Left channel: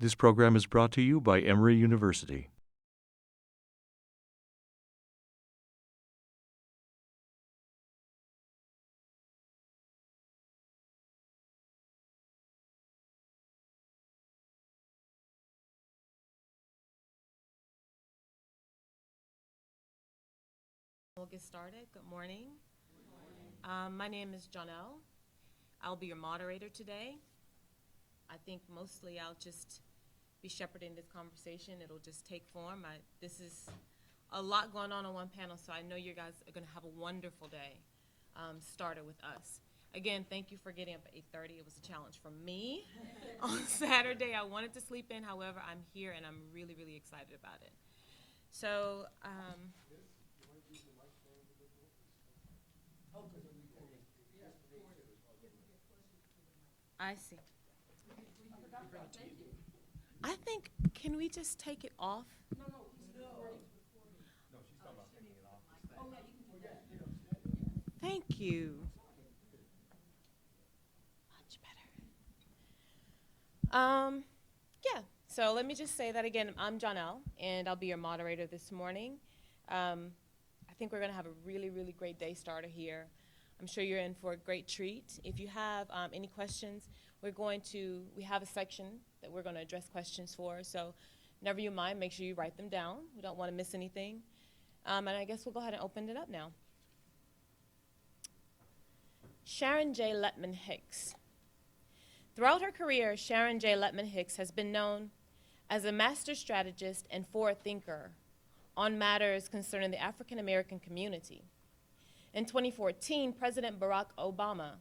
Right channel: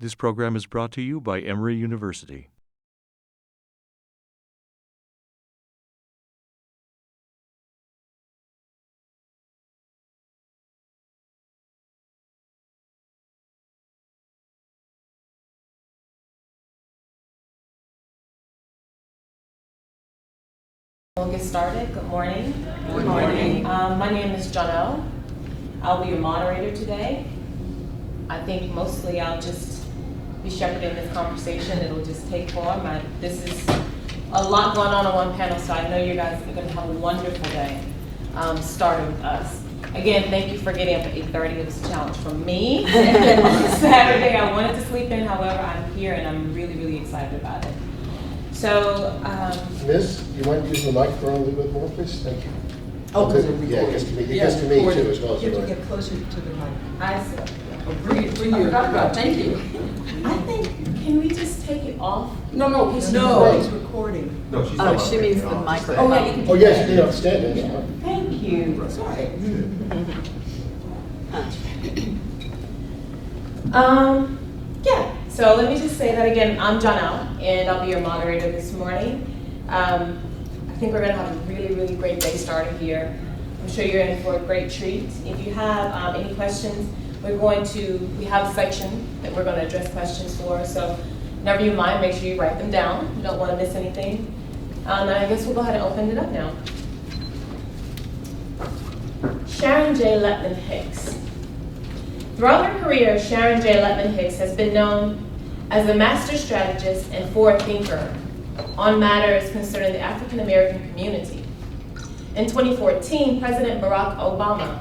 This program is brought to you by Emory University. We'll get started. Good morning. Good morning. My name is Janelle. I'll be your moderator today. I think mostly I'll just be shepherding this conversation. It'll just take form. This is a lot going on one panel, so I know you guys are going to have a wonderful day starting with us. Again, thank you for getting up at 8:30. It was a challenge for me. On Saturday, I wanted to sleep in. However, I'm here and I'm really, really excited about it. So, Miss, you might use the microphone a little bit more, please? Thank you. Oh, because good. it's Yeah, it gets to me, it gets to me too, as well as you the have to mic. get closer to the mic. I see. For you. Thank you. I think, can we just take it off? No, he's recording. No, she's Oh, not she means the microphone. Oh, yeah, you can. Oh, yes, you don't stand it. Yeah. Thank you. Sorry. Yeah, so let me just say that again. I'm Janelle, and I'll be your moderator this morning. I think we're going to have a really, really great day started here. I'm sure you're in for a great treat. If you have any questions, we have a section that we're going to address questions for. So whenever you mind, make sure you write them down. You don't want to miss anything. And I guess we'll go ahead and open it up now. Sharon J. Letman Hicks. Throughout her career, Sharon J. Letman Hicks has been known as a master strategist and forward thinker on matters concerning the African American community. In 2014, President Barack Obama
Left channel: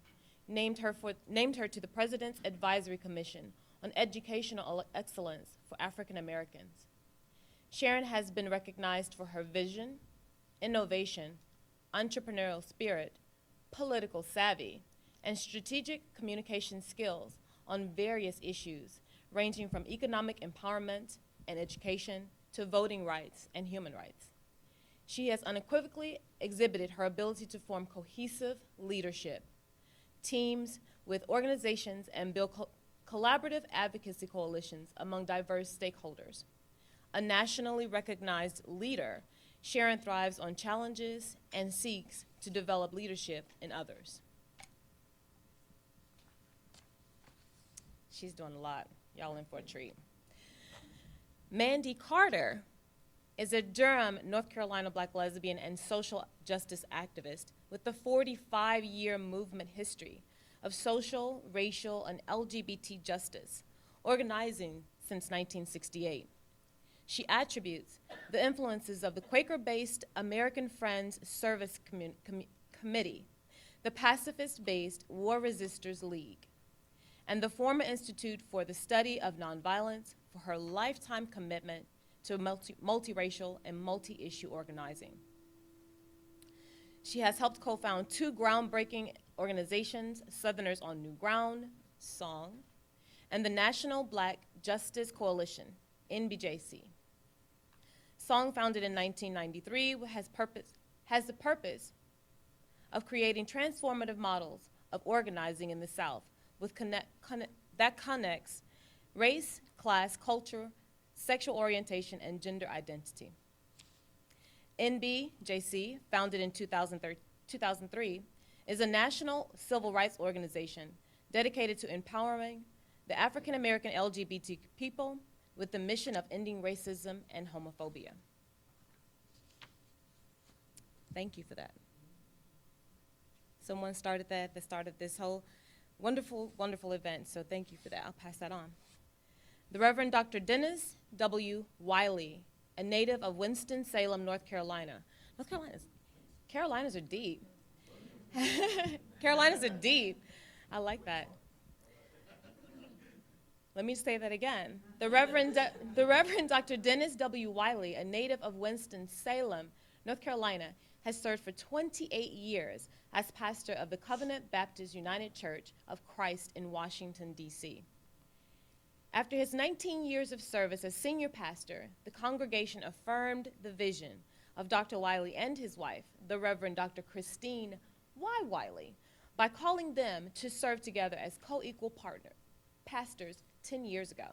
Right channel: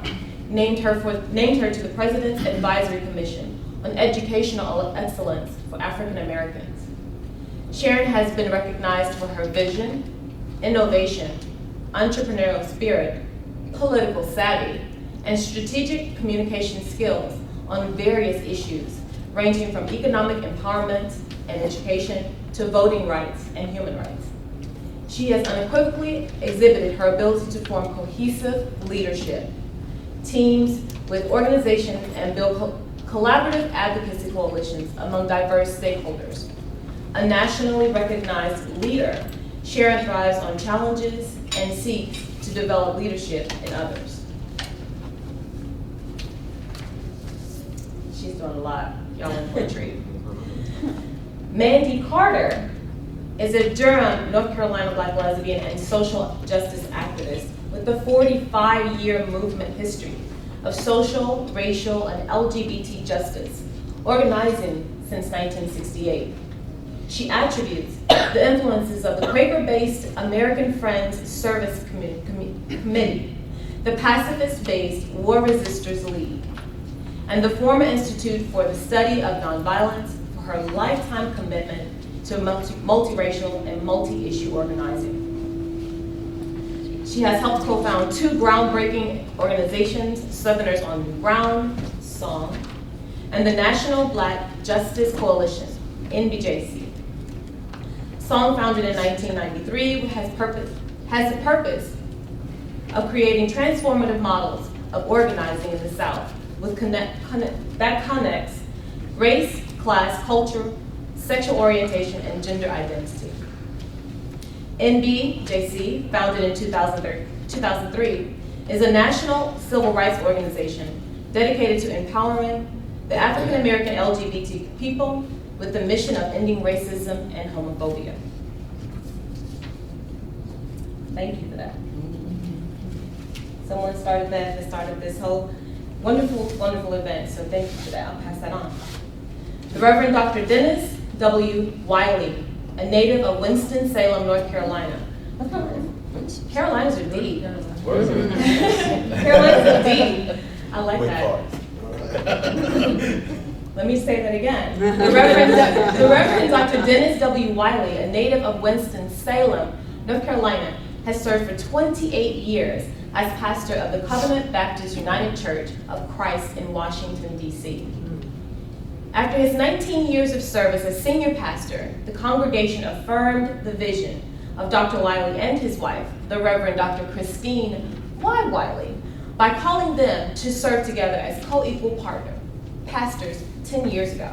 named her to the President's Advisory Commission on Educational Excellence for African Americans. Sharon has been recognized for her vision, innovation, entrepreneurial spirit, political savvy, and strategic communication skills on various issues, ranging from economic empowerment and education to voting rights and human rights. She has unequivocally exhibited her ability to form cohesive leadership, teams with organizations, and build collaborative advocacy coalitions among diverse stakeholders. A nationally recognized leader, Sharon thrives on challenges and seeks to develop leadership in others. She's doing a lot. Y'all in for a treat. Mandy Carter is a Durham, North Carolina Black lesbian and social justice activist with a 45-year movement history of social, racial, and LGBT justice, organizing since 1968. She attributes the influences of the Quaker-based American Friends Service Committee, the pacifist-based War Resisters League, and the former Institute for the Study of Nonviolence for her lifetime commitment to multiracial and multi-issue organizing. She has helped co-found two groundbreaking organizations, Southerners on the Ground, SONG, and the National Black Justice Coalition, NBJC. SONG, founded in 1993, has the purpose of creating transformative models of organizing in the South that connects race, class, culture, sexual orientation, and gender identity. NBJC, founded in 2003, is a national civil rights organization dedicated to empowering the African American LGBT people with the mission of ending racism and homophobia. Thank you for that. Someone started that started this whole wonderful, wonderful event, so thank you for that. I'll pass that on. The Reverend Dr. Dennis W. Wiley, a native of Winston-Salem, North Carolina. What Carolinas are deep. Carolinas are deep. I like that. Let me say that again. The Reverend Dr. Dennis W. Wiley, a native of Winston-Salem, North Carolina, has served for 28 years as pastor of the Covenant Baptist United Church of Christ in Washington, D.C. After his 19 years of service as senior pastor, the congregation affirmed the vision of Dr. Wiley and his wife, the Reverend Dr. Christine Y. Wiley, by calling them to serve together as co-equal pastors 10 years ago.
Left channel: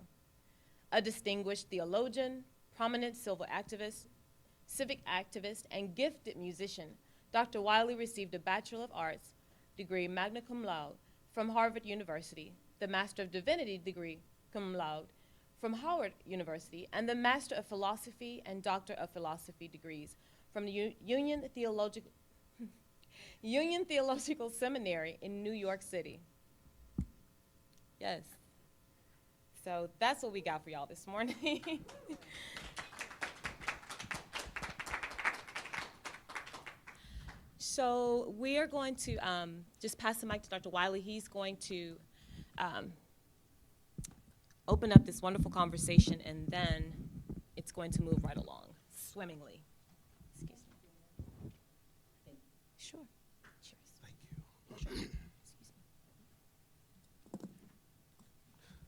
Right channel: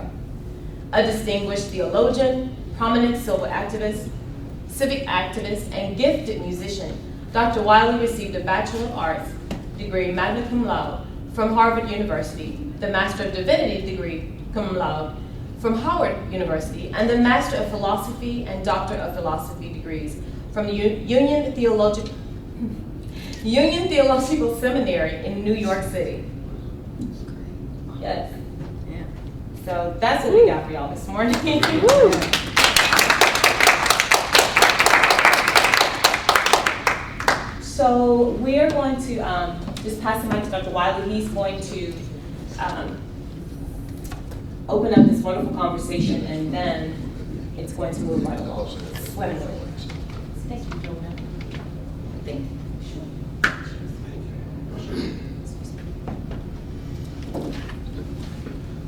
a distinguished theologian, prominent civic activist, and gifted musician. Dr. Wiley received a Bachelor of Arts degree, magna cum laude, from Harvard University, the Master of Divinity degree, cum laude, from Howard University, and the Master of Philosophy and Doctor of Philosophy degrees from the Union Theological Seminary in New York City. Yes. Yeah. So that's what we got for y'all this morning. So we're going to just pass the mic to Dr. Wiley. He's going to open up this wonderful conversation, and then it's going to move right along. Thank you, Jonah. Thank you.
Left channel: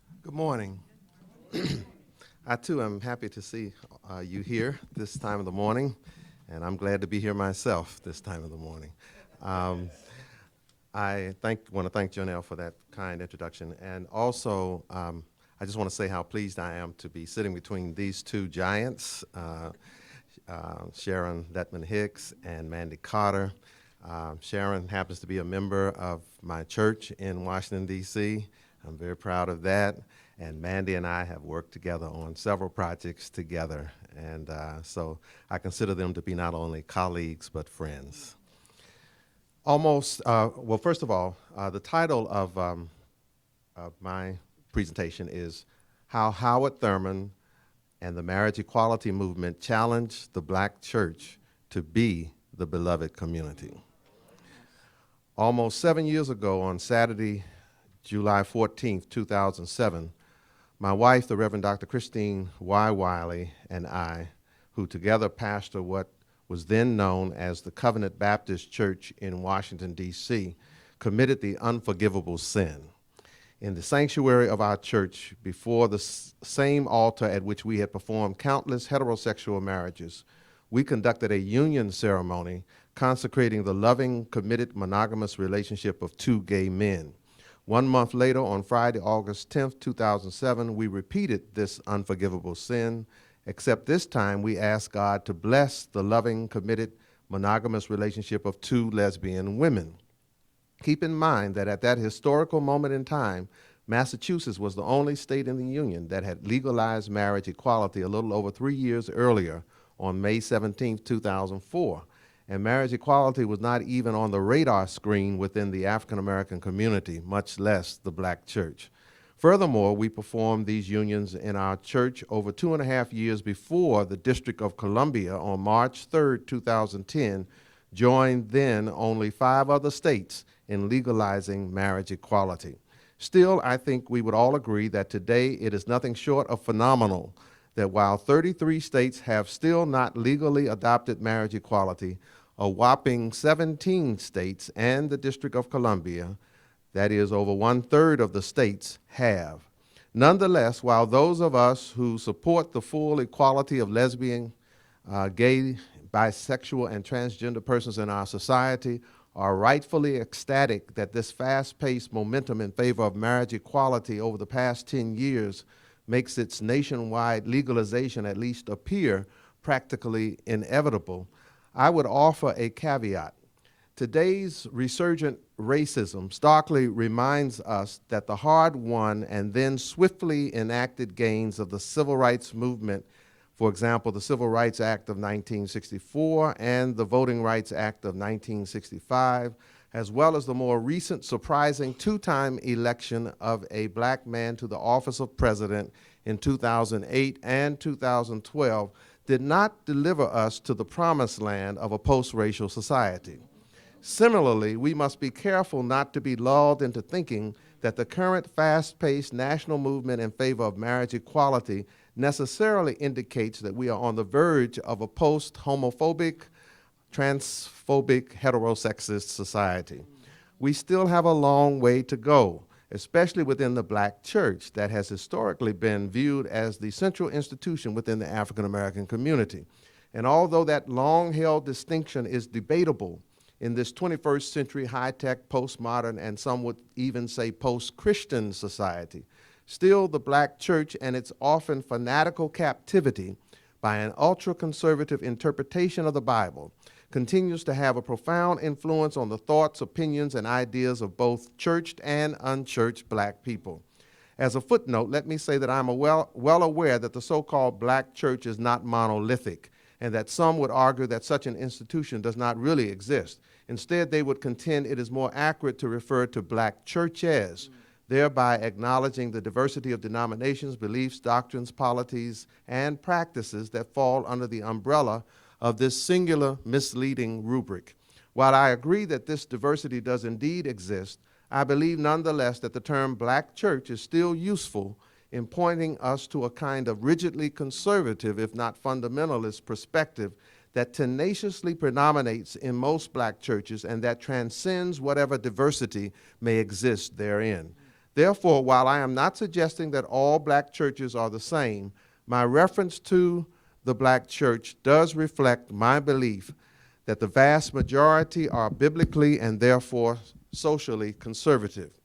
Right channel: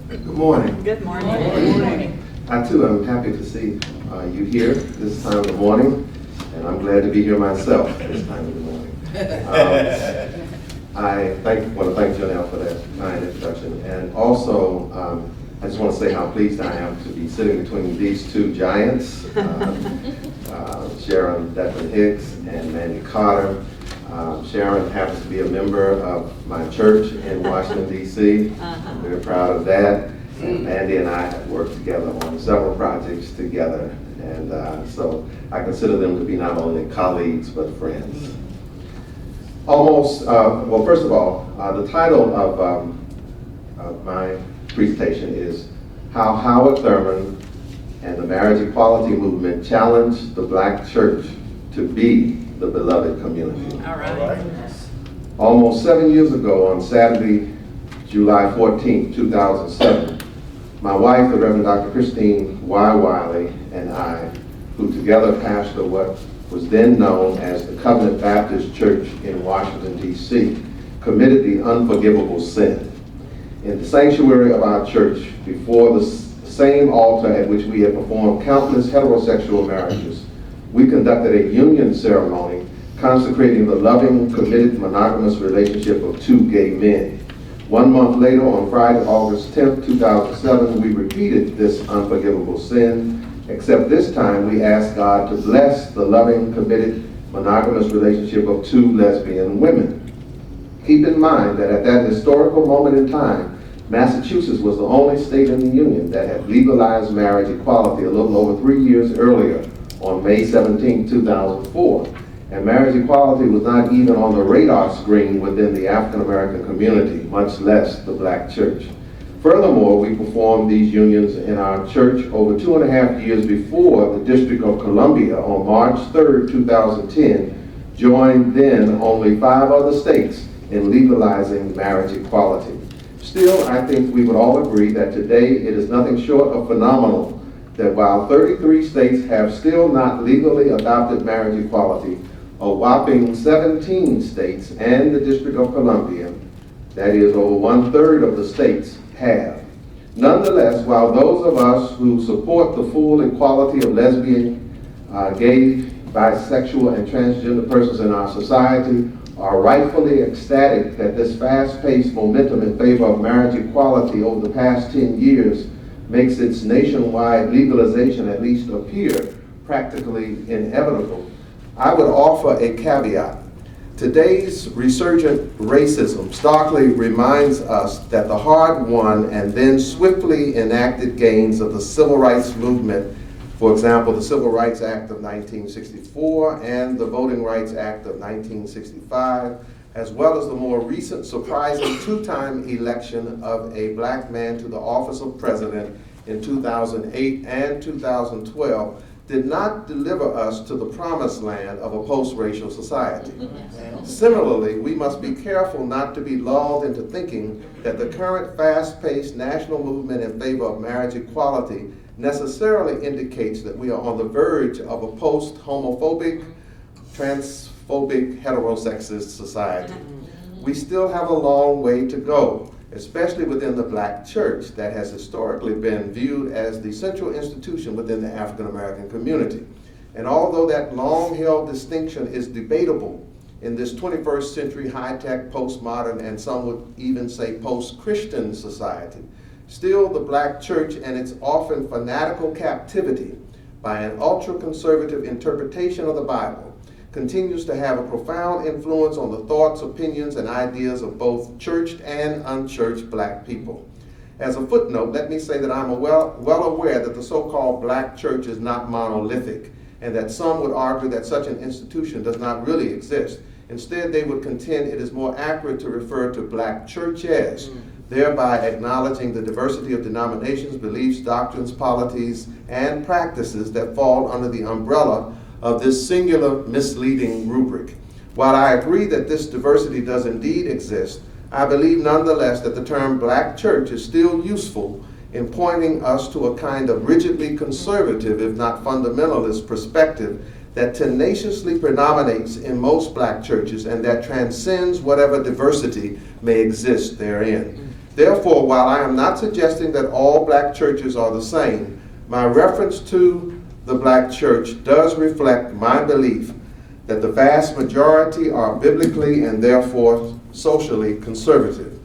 Good morning. Good morning. Good morning. I too am happy to see you here this time of the morning, and I'm glad to be here myself this time of the morning. I want to thank Janelle for that kind introduction, and also I just want to say how pleased I am to be sitting between these two giants, Sharon Declan Hicks and Mandy Carter. Sharon happens to be a member of my church in Washington, D.C. I'm very proud of that. And Mandy and I have worked together on several projects together. And so I consider them to be not only colleagues, but friends. Well, first of all, the title of my presentation is How Howard Thurman and the Marriage Equality Movement Challenged the Black Church to Be the Beloved Community. All right. Almost 7 years ago on Saturday, July 14th, 2007, my wife, the Reverend Dr. Christine Y. Wiley, and I, who together pastored what was then known as the Covenant Baptist Church in Washington, D.C., committed the unforgivable sin. In the sanctuary of our church, before the same altar at which we had performed countless heterosexual marriages, we conducted a union ceremony consecrating the loving, committed, monogamous relationship of two gay men. 1 month later, on Friday, August 10th, 2007, we repeated this unforgivable sin, except this time we asked God to bless the loving, committed, monogamous relationship of two lesbian women. Keep in mind that at that historical moment in time, Massachusetts was the only state in the Union that had legalized marriage equality a little over 3 years earlier on May 17, 2004. And marriage equality was not even on the radar screen within the African American community, much less the Black church. Furthermore, we performed these unions in our church over 2.5 years before the District of Columbia on March 3rd, 2010, joined then only 5 other states in legalizing marriage equality. Still, I think we would all agree that today it is nothing short of phenomenal that while 33 states have still not legally adopted marriage equality, a whopping 17 states and the District of Columbia, that is over 1/3 of the states, have. Nonetheless, while those of us who support the full equality of lesbian, gay, bisexual, and transgender persons in our society are rightfully ecstatic that this fast-paced momentum in favor of marriage equality over the past 10 years makes its nationwide legalization at least appear practically inevitable, I would offer a caveat. Today's resurgent racism starkly reminds us that the hard-won and then swiftly enacted gains of the civil rights movement, for example, the Civil Rights Act of 1964 and the Voting Rights Act of 1965, as well as the more recent surprising 2-time election of a black man to the office of president in 2008 and 2012, did not deliver us to the promised land of a post-racial society. Similarly, we must be careful not to be lulled into thinking that the current fast-paced national movement in favor of marriage equality necessarily indicates that we are on the verge of a post-homophobic, transphobic, heterosexist society. We still have a long way to go, especially within the Black church that has historically been viewed as the central institution within the African American community. And although that long-held distinction is debatable in this 21st century high-tech, postmodern, and some would even say post-Christian society, Still, the black church and its often fanatical captivity by an ultra-conservative interpretation of the Bible continues to have a profound influence on the thoughts, opinions, and ideas of both churched and unchurched black people. As a footnote, let me say that I'm well aware that the so-called black church is not monolithic, and that some would argue that such an institution does not really exist. Instead, they would contend it is more accurate to refer to black churches, thereby acknowledging the diversity of denominations, beliefs, doctrines, polities, and practices that fall under the umbrella of this singular misleading rubric. While I agree that this diversity does indeed exist, I believe nonetheless that the term black church is still useful in pointing us to a kind of rigidly conservative, if not fundamentalist, perspective that tenaciously predominates in most black churches and that transcends whatever diversity may exist therein. Therefore, while I am not suggesting that all black churches are the same, my reference to the black church does reflect my belief that the vast majority are biblically and therefore socially conservative.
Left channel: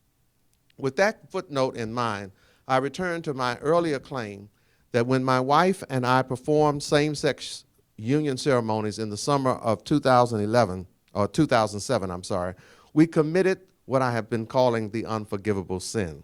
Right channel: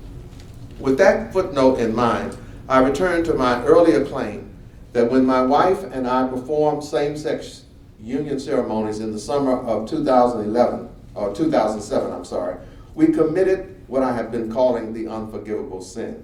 With that footnote in mind, I return to my earlier claim that when my wife and I performed same-sex union ceremonies in the summer of 2007, we committed what I have been calling the unforgivable sin.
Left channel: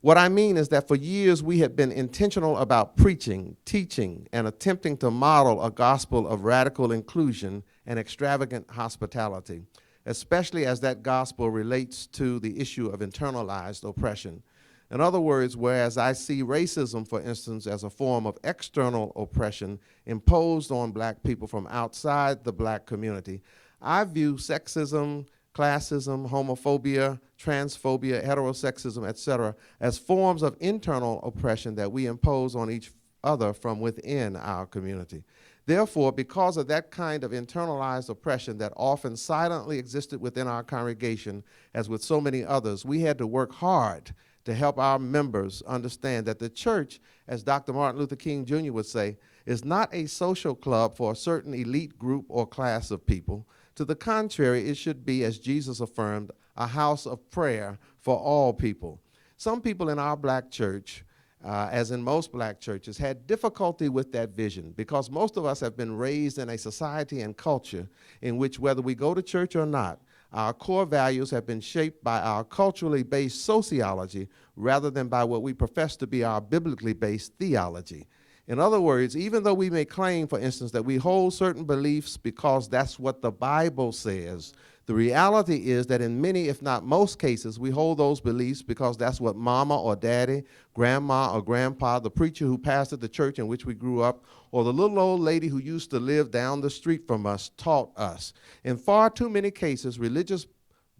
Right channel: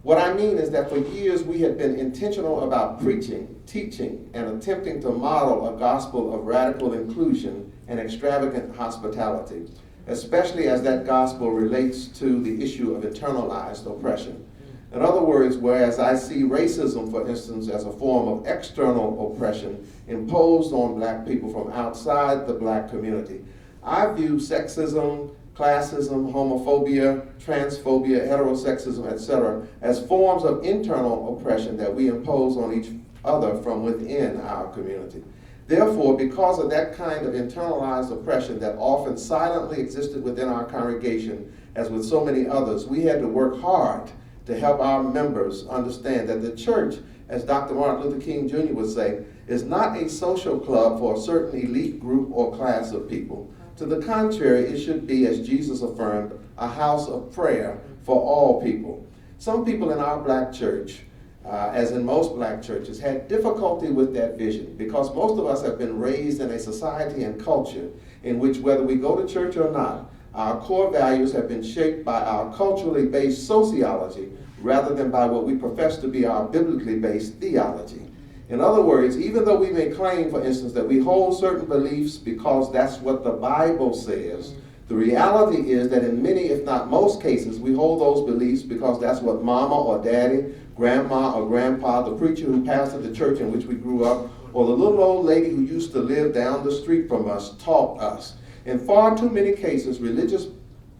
What I mean is that for years we had been intentional about preaching, teaching, and attempting to model a gospel of radical inclusion and extravagant hospitality, especially as that gospel relates to the issue of internalized oppression. In other words, whereas I see racism, for instance, as a form of external oppression imposed on black people from outside the black community, I view sexism, classism, homophobia, transphobia, heterosexism, etc., as forms of internal oppression that we impose on each other from within our community. Therefore, because of that kind of internalized oppression that often silently existed within our congregation, as with so many others, we had to work hard to help our members understand that the church, as Dr. Martin Luther King Jr. would say, is not a social club for a certain elite group or class of people. To the contrary, it should be, as Jesus affirmed, a house of prayer for all people. Some people in our black church, as in most black churches, had difficulty with that vision because most of us have been raised in a society and culture in which, whether we go to church or not, our core values have been shaped by our culturally based sociology rather than by what we profess to be our biblically based theology. In other words, even though we may claim, for instance, that we hold certain beliefs because that's what the Bible says, the reality is that in many, if not most cases, we hold those beliefs because that's what mama or daddy, grandma or grandpa, the preacher who pastored the church in which we grew up, or the little old lady who used to live down the street from us taught us. In far too many cases, religious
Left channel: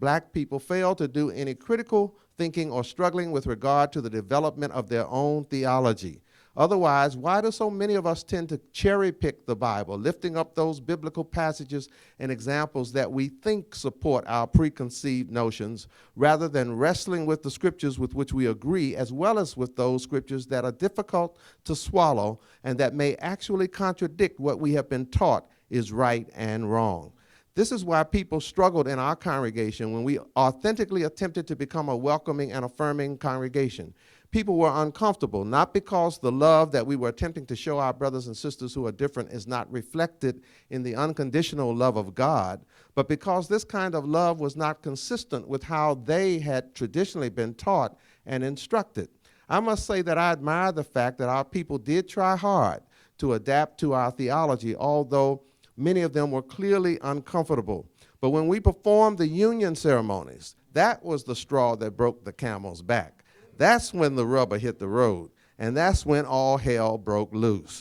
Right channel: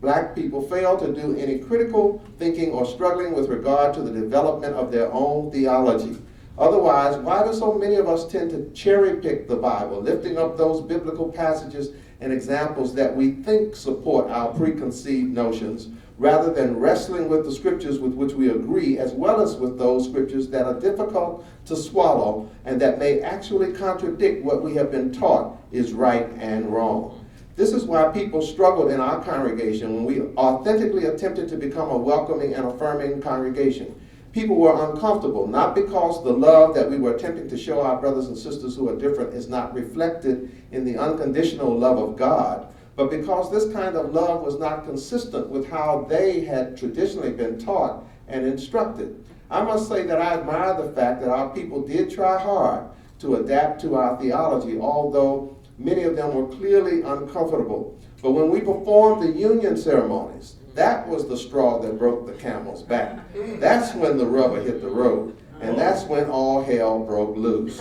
black people fail to do any critical thinking or struggling with regard to the development of their own theology. Otherwise, why do so many of us tend to cherry-pick the Bible, lifting up those biblical passages and examples that we think support our preconceived notions, rather than wrestling with the scriptures with which we agree, as well as with those scriptures that are difficult to swallow and that may actually contradict what we have been taught is right and wrong? This is why people struggled in our congregation when we authentically attempted to become a welcoming and affirming congregation. People were uncomfortable, not because the love that we were attempting to show our brothers and sisters who are different is not reflected in the unconditional love of God, but because this kind of love was not consistent with how they had traditionally been taught and instructed. I must say that I admire the fact that our people did try hard to adapt to our theology, although many of them were clearly uncomfortable. But when we performed the union ceremonies, that was the straw that broke the camel's back. That's when the rubber hit the road, and that's when all hell broke loose.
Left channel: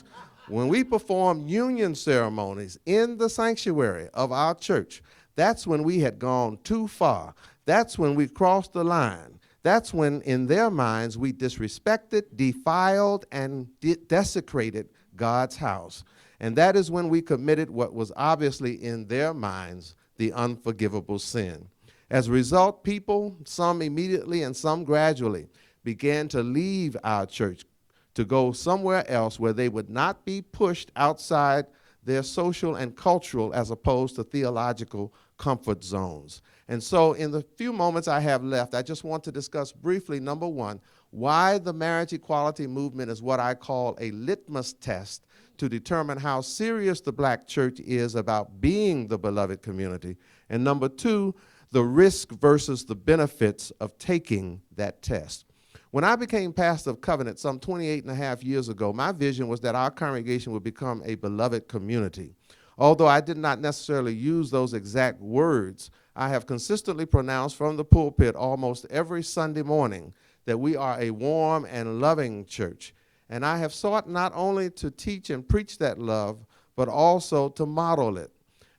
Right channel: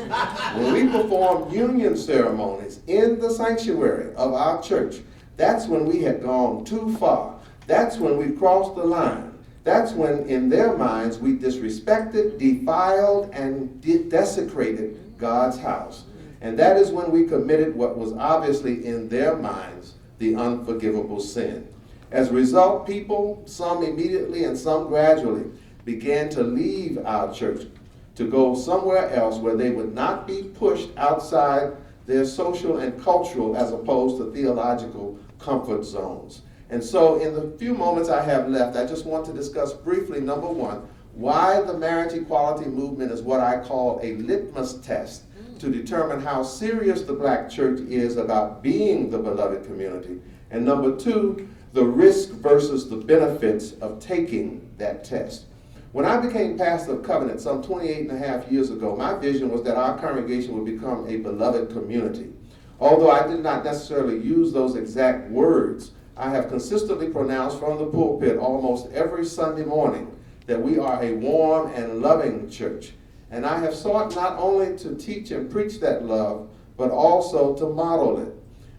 When we performed union ceremonies in the sanctuary of our church, that's when we had gone too far. That's when we crossed the line. That's when, in their minds, we disrespected, defiled, and desecrated God's house. And that is when we committed what was obviously in their minds the unforgivable sin. As a result, people, some immediately and some gradually, began to leave our church to go somewhere else where they would not be pushed outside their social and cultural as opposed to theological comfort zones. And so in the few moments I have left, I just want to discuss briefly, number one, why the marriage equality movement is what I call a litmus test to determine how serious the black church is about being the beloved community. And number two, the risk versus the benefits of taking that test. When I became pastor of Covenant some 28 and a half years ago, my vision was that our congregation would become a beloved community. Although I did not necessarily use those exact words, I have consistently pronounced from the pulpit almost every Sunday morning that we are a warm and loving church. And I have sought not only to teach and preach that love, but also to model it.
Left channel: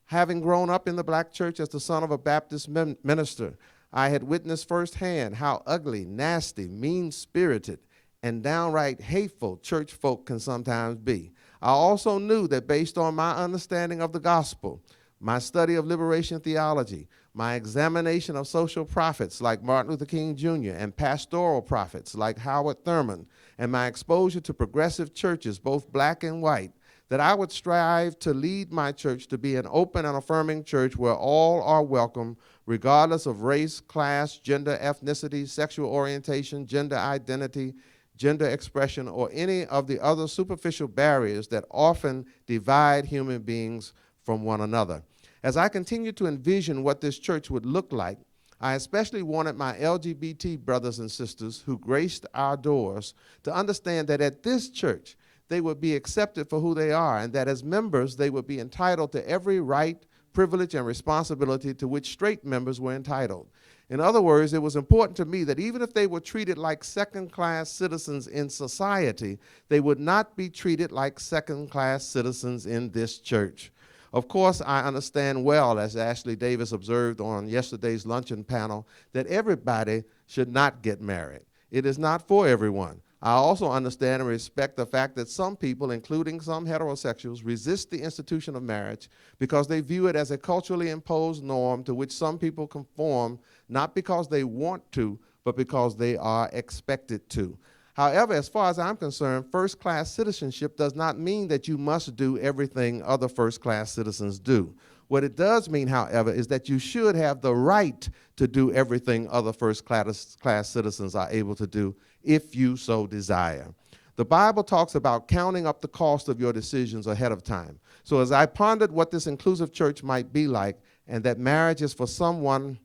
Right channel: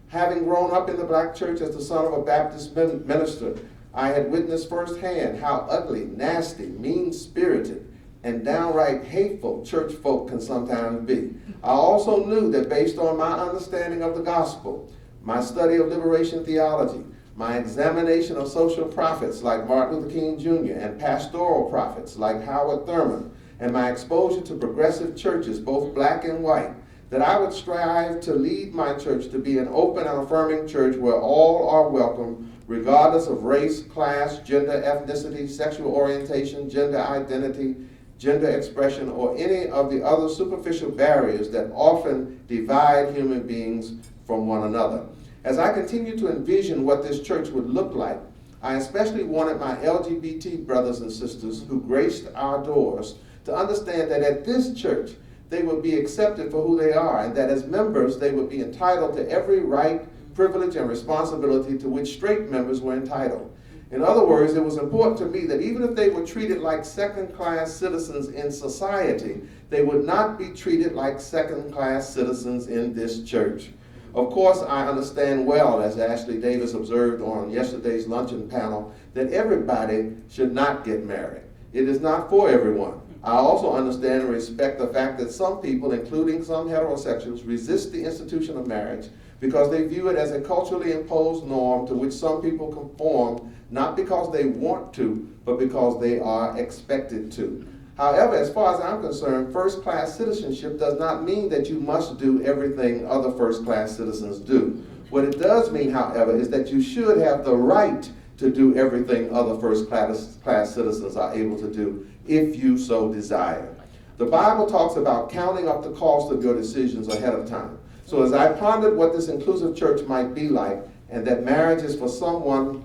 Having grown up in the black church as the son of a Baptist minister, I had witnessed firsthand how ugly, nasty, mean-spirited, and downright hateful church folk can sometimes be. I also knew that based on my understanding of the gospel, my study of liberation theology, my examination of social prophets like Martin Luther King Jr. and pastoral prophets like Howard Thurman, and my exposure to progressive churches, both black and white, that I would strive to lead my church to be an open and affirming church where all are welcome, regardless of race, class, gender, ethnicity, sexual orientation, gender identity, gender expression, or any of the other superficial barriers that often divide human beings from one another. As I continue to envision what this church would look like, I especially wanted my LGBT brothers and sisters who graced our doors to understand that at this church, they would be accepted for who they are, and that as members, they would be entitled to every right, privilege, and responsibility to which straight members were entitled. In other words, it was important to me that even if they were treated like second-class citizens in society, they would not be treated like second-class citizens in this church. Of course, I understand well, as Ashley Davis observed on yesterday's luncheon panel, that everybody should not get married. It is not for everyone. I also understand and respect the fact that some people, including some heterosexuals, resist the institution of marriage because they view it as a culturally imposed norm to which some people conform, not because they want to, but because they are expected to. However, as far as I'm concerned, first-class citizenship does not mean that you must do everything other first-class citizens do. What it does mean, however, is that you should have the right to do everything other first-class citizens are able to do if you so desire. The Bible talks about counting up the cost of your decisions ahead of time. So as I pondered what this inclusive church might be like, and that marriage is for some one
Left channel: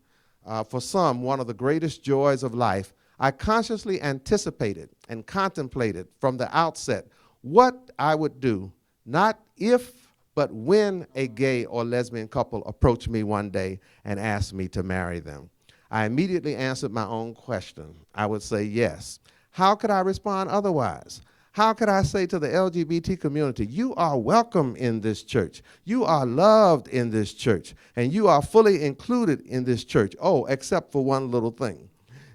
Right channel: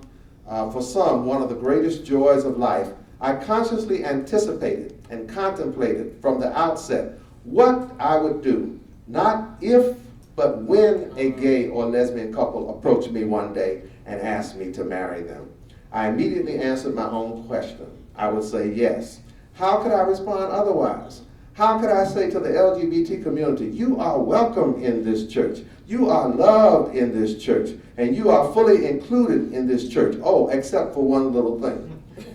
of the greatest joys of life, I consciously anticipated and contemplated from the outset what I would do, not if, but when a gay or lesbian couple approached me one day and asked me to marry them. I immediately answered my own question. I would say yes. How could I respond otherwise? How could I say to the LGBT community, you are welcome in this church, you are loved in this church, and you are fully included in this church? Oh, except for one little thing.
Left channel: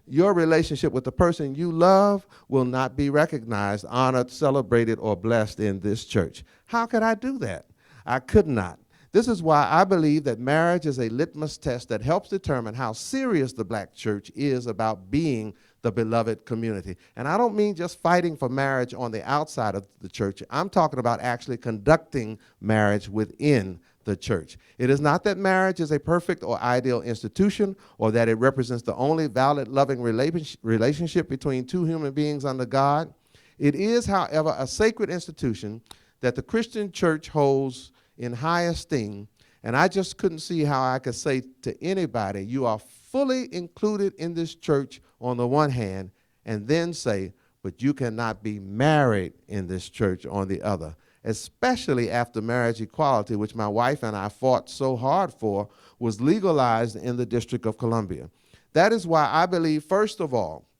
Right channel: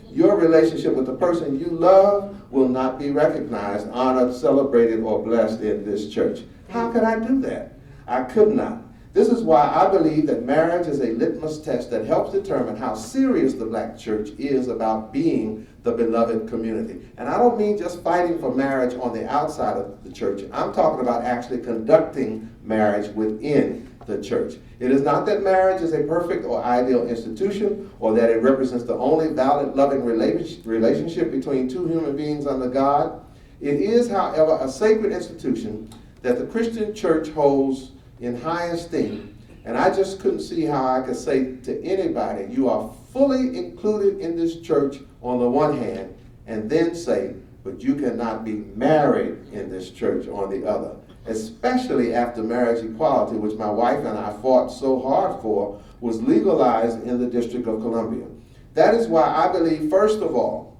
Your relationship with the person you love will not be recognized, honored, celebrated, or blessed in this church. How could I do that? I could not. This is why I believe that marriage is a litmus test that helps determine how serious the black church is about being the beloved community. And I don't mean just fighting for marriage on the outside of the church. I'm talking about actually conducting marriage within the church. It is not that marriage is a perfect or ideal institution, or that it represents the only valid, loving relationship between two human beings under God. It is, however, a sacred institution that the Christian church holds in high esteem, and I just couldn't see how I could say to anybody, you are fully included in this church on the one hand, and then say, but you cannot be married in this church on the other, especially after marriage equality, which my wife and I fought so hard for, was legalized in the District of Columbia. That is why I believe, first of all,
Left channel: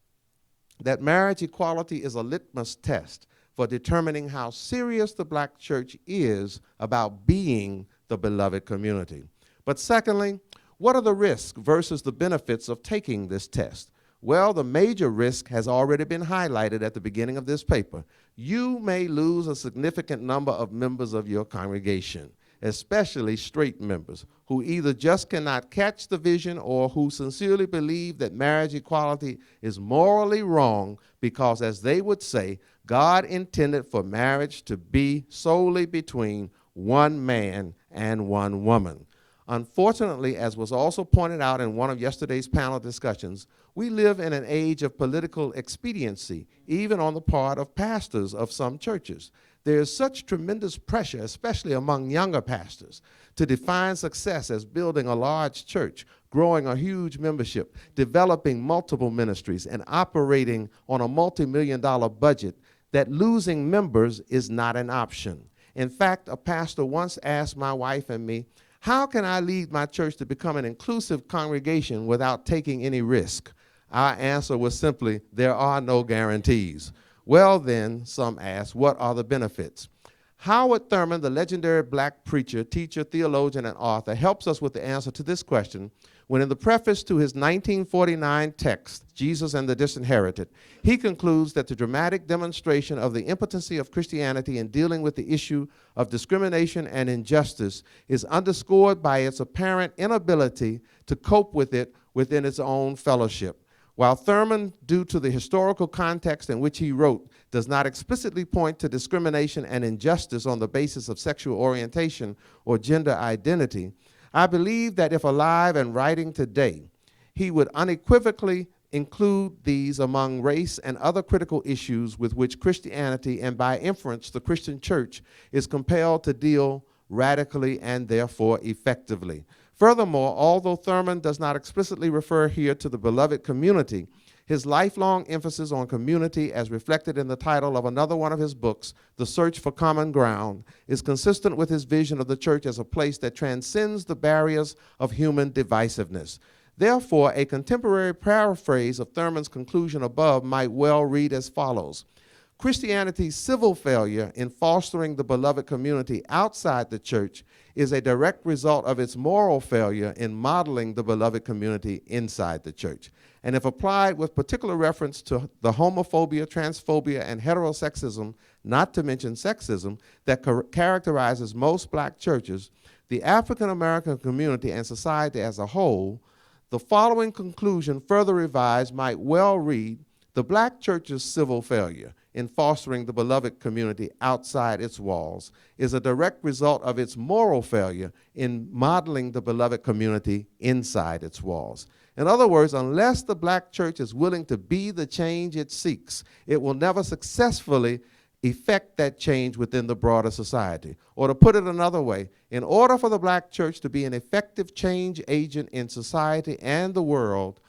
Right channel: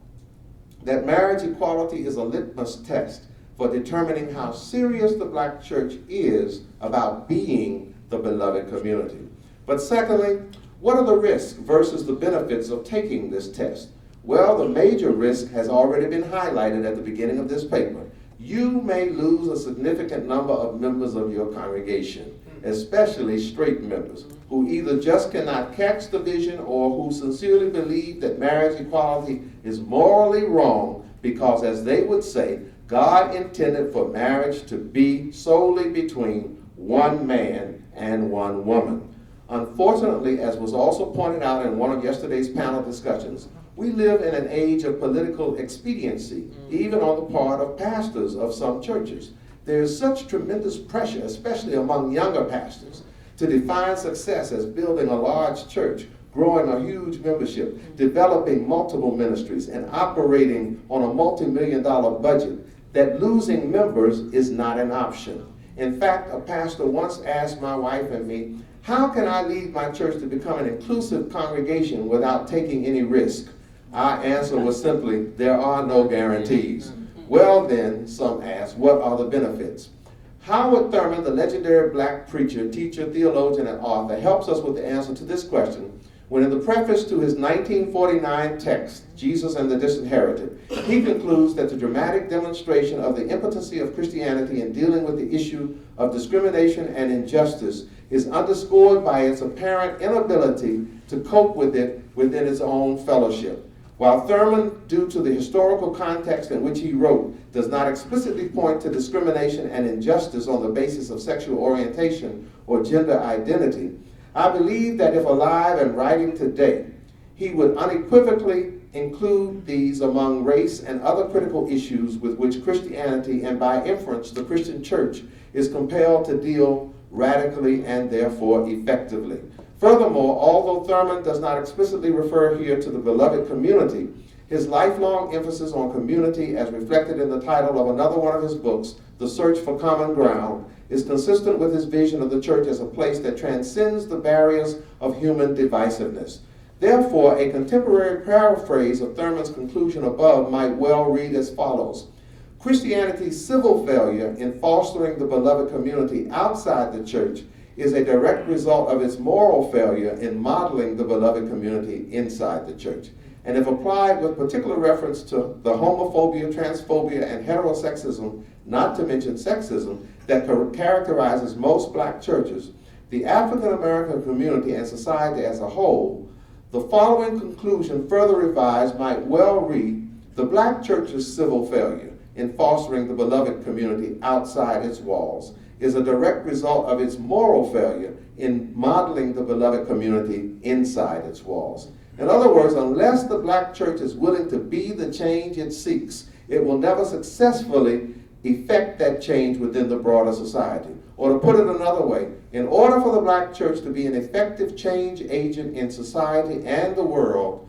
that marriage equality is a litmus test for determining how serious the black church is about being the beloved community. But secondly, what are the risks versus the benefits of taking this test? Well, the major risk has already been highlighted at the beginning of this paper. You may lose a significant number of members of your congregation, especially straight members, who either just cannot catch the vision or who sincerely believe that marriage equality is morally wrong because, as they would say, God intended for marriage to be solely between one man and one woman. Unfortunately, as was also pointed out in one of yesterday's panel discussions, We live in an age of political expediency, even on the part of pastors of some churches. There is such tremendous pressure, especially among younger pastors, to define success as building a large church, growing a huge membership, developing multiple ministries, and operating on a multi-million-dollar budget, that losing members is not an option. In fact, a pastor once asked my wife and me, "How can I lead my church to become an inclusive congregation without taking any risk?" Our answer was simply, there are no guarantees. Well then, some asked, what are the benefits? Howard Thurman, the legendary black preacher, teacher, theologian, and author, helps us with the answer to this question when in the preface to his 1949 text, Jesus and the Disinherited, he concludes that the dramatic demonstration of the impotency of Christianity in dealing with the issue of discrimination and injustice is underscored by its apparent inability to cope with it within its own fellowship. While Thurman, due to the historical context in which he wrote, does not explicitly point to discrimination and injustice on the basis of sexual orientation or gender identity, I believe that if alive and writing today, he would unequivocally include these among race and other critical issues with which Christianity, and by inference the Christian church, is compelled to deal radically and therefore effectively. Furthermore, although Thurman does not explicitly refer here to the beloved community, his lifelong emphasis on community, as reflected in the title of another one of his books, The Search for Common Ground, is consistent with his vision of the church as a place that transcends the barriers of human divisiveness. Therefore, a contemporary paraphrase of Thurman's conclusion above might well read as follows: Christianity's civil failure in fostering the beloved community outside the church is a direct result of its moral failure in modeling the beloved community inside the church. And if applied with particular reference to the homophobia, transphobia, and heterosexism, not to mention sexism, that characterizes most black churches, the African American community and society as a whole, the following conclusion further revised might well read: the black church's civil failure in fostering the beloved community outside its walls is a direct result of its moral failure in modeling the beloved community inside its walls. In other words, unless the black church is willing to be the change it seeks, it will never successfully effect that change within the broader society. Or to put it another way, in order for the black church to be an effective change agent in society and the world,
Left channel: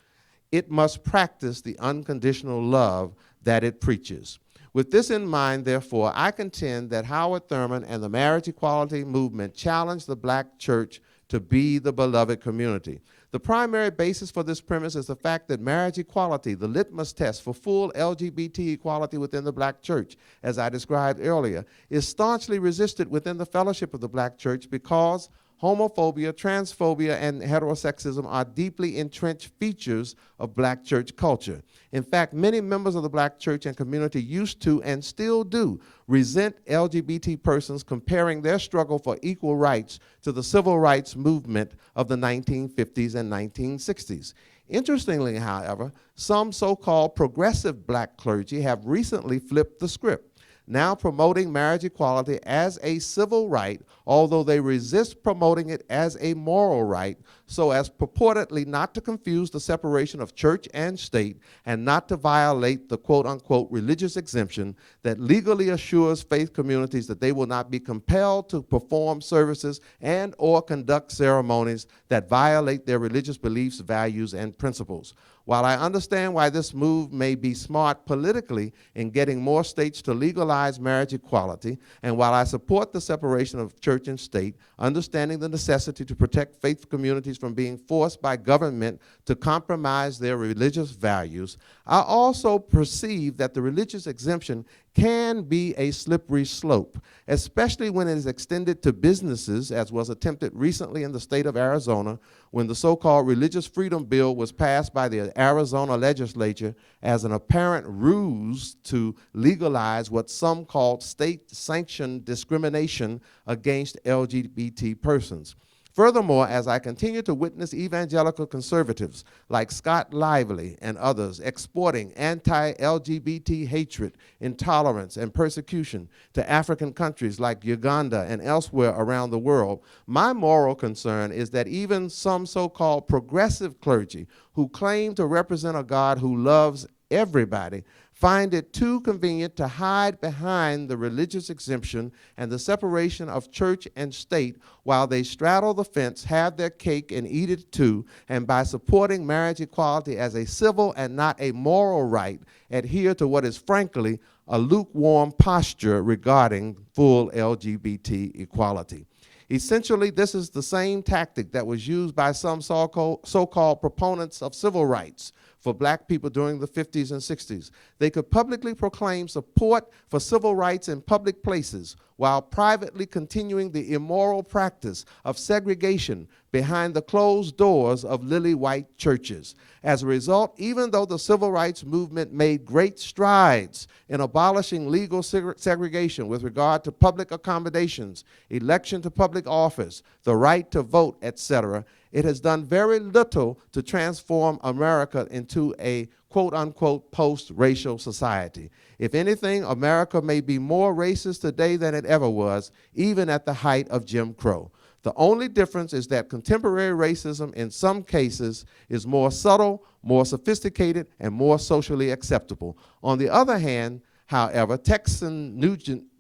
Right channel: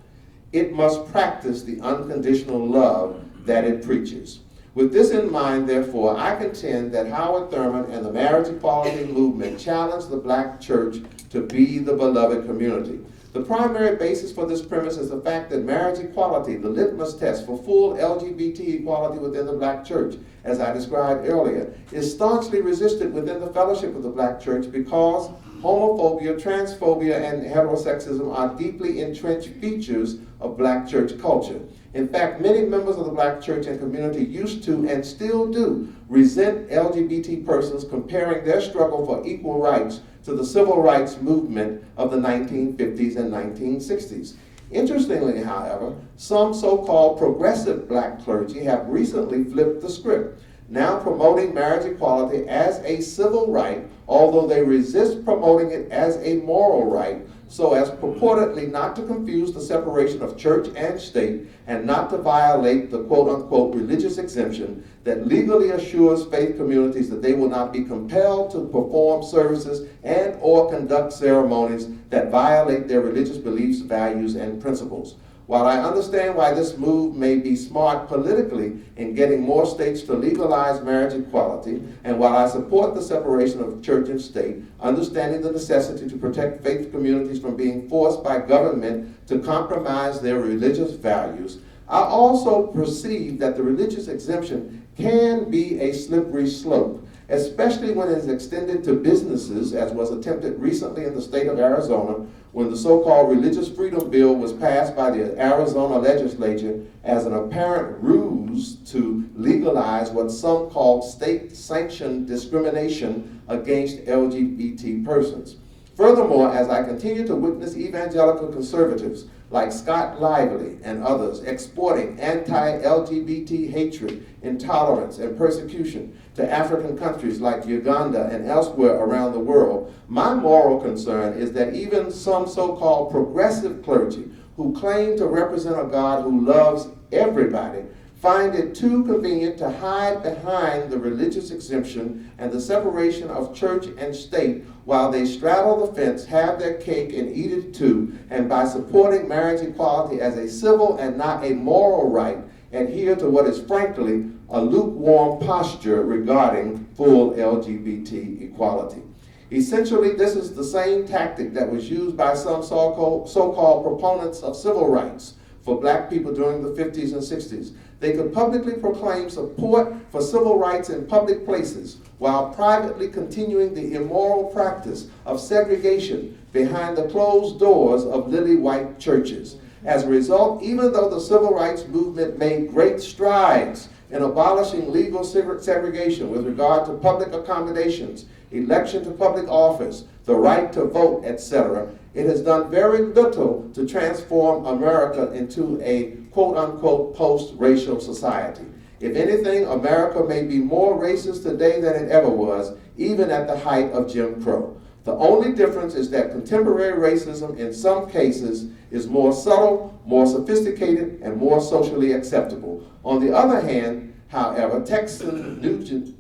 it must practice the unconditional love that it preaches. With this in mind, therefore, I contend that Howard Thurman and the marriage equality movement challenge the black church to be the beloved community. The primary basis for this premise is the fact that marriage equality, the litmus test for full LGBT equality within the black church, as I described earlier, is staunchly resisted within the fellowship of the black church because homophobia, transphobia, and heterosexism are deeply entrenched features of black church culture. In fact, many members of the black church and community used to, and still do, resent LGBT persons, comparing their struggle for equal rights to the civil rights movement of the 1950s and 1960s. Interestingly, however, some so-called progressive black clergy have recently flipped the script, now promoting marriage equality as a civil right, although they resist promoting it as a moral right, so as purportedly not to confuse the separation of church and state and not to violate the quote-unquote religious exemption that legally assures faith communities that they will not be compelled to perform services and or conduct ceremonies that violate their religious beliefs, values, and principles. While I understand why this move may be smart politically in getting more states to legalize marriage equality, and while I support the separation of church and state, understanding the necessity to protect faith communities from being forced by government to compromise their religious values, I also perceive that the religious exemption can be a slippery slope, especially when it is extended to businesses, as was attempted recently in the state of Arizona, when the so-called Religious Freedom Bill was passed by the Arizona legislature as an apparent ruse to legalize what some called state-sanctioned discrimination against LGBT persons. Furthermore, as I continue to witness evangelical conservatives like Scott Lively and others exporting anti-LGBT hatred, intolerance, and persecution to African countries like Uganda and elsewhere around the world, my moral concern is that even some so-called progressive clergy who claim to represent a God who loves everybody find it too convenient to hide behind the religious exemption and the separation of church and state while they straddle the fence, have their cake and eat it too, and by supporting marriage equality as a civil and not a moral right, adhere to what is frankly a lukewarm posture regarding full LGBT equality. Essentially, this is the same tactic that was used by some so-called proponents of civil rights for black people during the 50s and 60s. They could publicly proclaim support for civil rights in public places while privately continuing the immoral practice of segregation behind the closed doors of lily white churches. As a result, even though the civil rights movement made great strides in abolishing legal segregation with regard to public accommodations, election to public office, the right to vote, etc., it has done very little to transform America into a quote-unquote post-racial society. If anything, America may be more racist today than it ever was, even at the height of Jim Crow. The only difference is that contemporary racism in some cases is more subtle, more sophisticated, and more socially acceptable. On the other hand, however, Ted